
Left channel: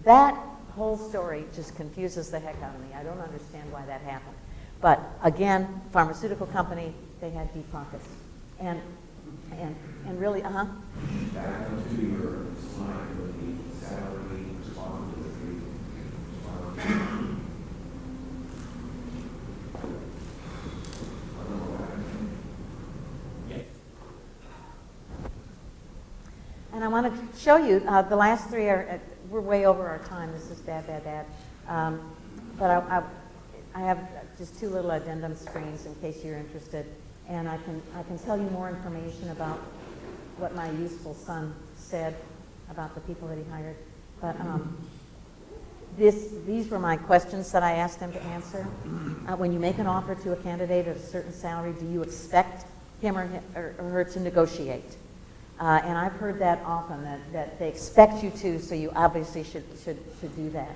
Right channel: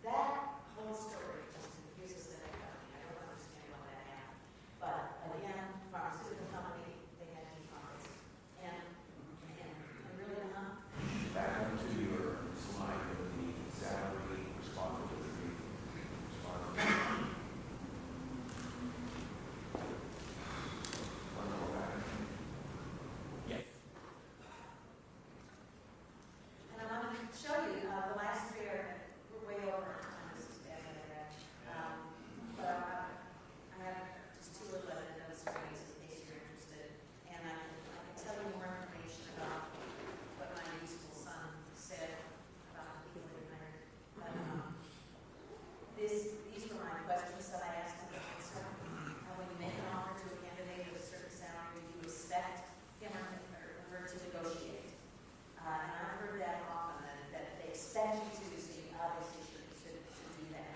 that whole story just confuses the heck out of me. I don't understand why that happened. But again, pharmaceutical company, they had deep pockets. And really, Back onto your slide with the salary responsibility. want to show you, the last three are, we're way over our time. This is bad. But I have just two little addendum screens in case you're interested. And I can tell you more information about what my useful son said about the people that he hired. But these were my questions that I asked him to answer. When you make an offer to a candidate at a certain salary, do you expect him or her to negotiate? And I've heard that often, that they expect you to, so you obviously should do that.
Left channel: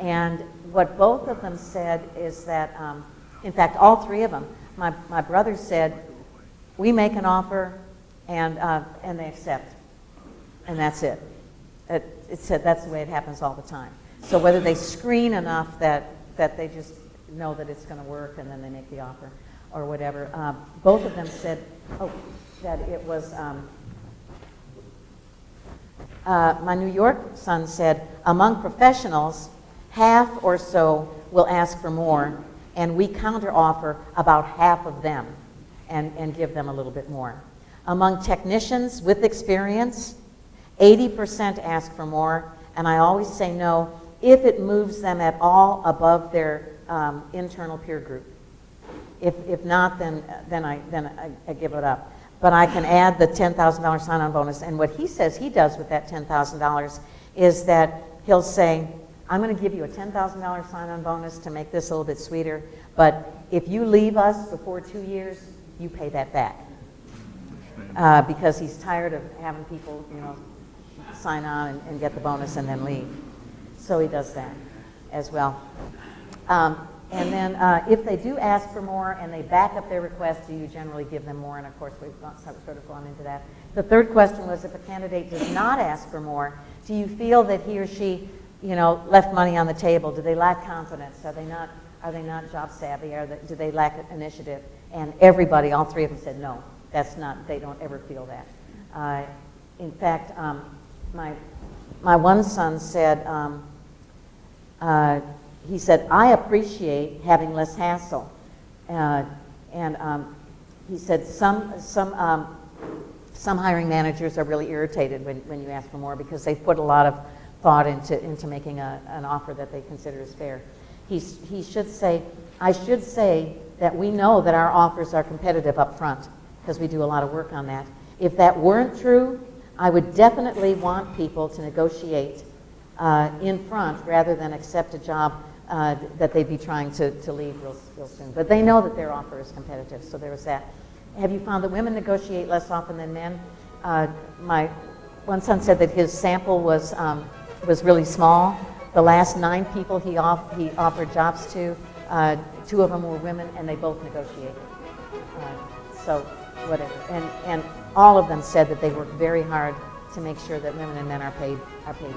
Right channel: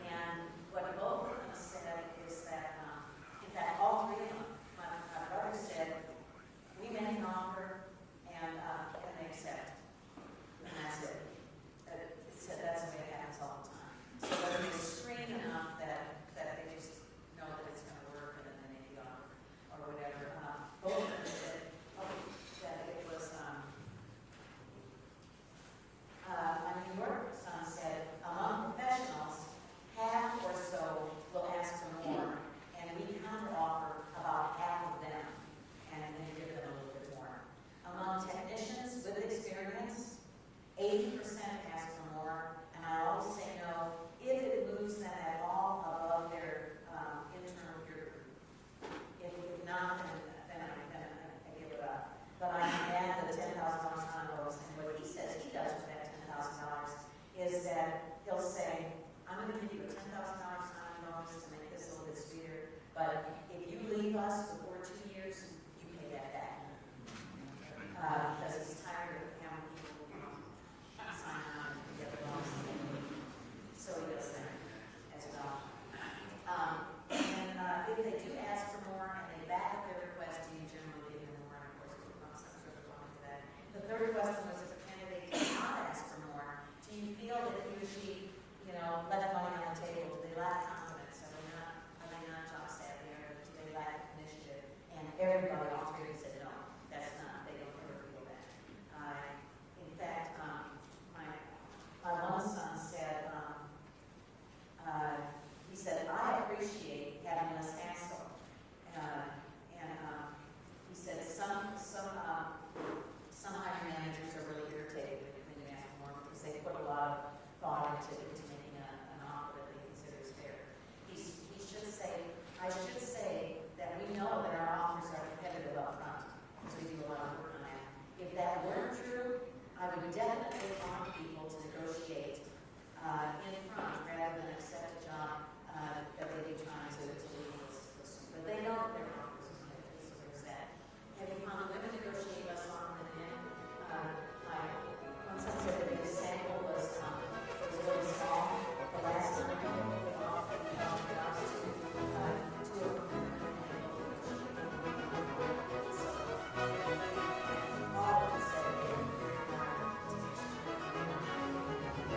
And what both of them said is that, in fact, all three of them, my brother said, we make an offer and they accept, and that's it. It said that's the way it happens all the time. So whether they screen enough that they just know that it's going to work and then they make the offer or whatever. Both of them said that it was, my New York son said, among professionals, half or so will ask for more, and we counteroffer about half of them and give them a little bit more. Among technicians with experience, 80% ask for more, and I always say no if it moves them at all above their internal peer group. If not, then I give it up. But I can add the $10,000 sign-on bonus, and what he says he does with that $10,000 is that he'll say, I'm going to give you a $10,000 sign-on bonus to make this a little bit sweeter, but if you leave us before 2 years, you pay that back. Because he's tired of having people, sign on and get the bonus and then leave. So he does that as well. And then if they do ask for more and they back up their request, do you generally give them more? And of course, we've sort of gone into that. The third question was, if a candidate does not ask for more, do you feel that he or she, left money on the table? Do they lack confidence? Are they not job savvy? Do they lack initiative? And everybody, all three of them said no. That's not. They don't ever feel that. In fact, my one son said. He said, I appreciate having less hassle. He said some hiring managers are really irritated when you ask for more because they put a lot of thought into making an offer that they consider as fair. He should say, I should say that we know that our offers are competitive up front because we do a lot of work on that. If that weren't true, I would definitely want people to negotiate in front rather than accept a job that they'd be trying to leave real soon. But they know that their offer is competitive, so there was that. Have you found that women negotiate less often than men? My one son said that his sample was really small. The last 9 people he offered jobs to, 2 of them were women, and they both negotiated. So whatever. And all of them said that they work very hard to make sure that women and men are paid equal.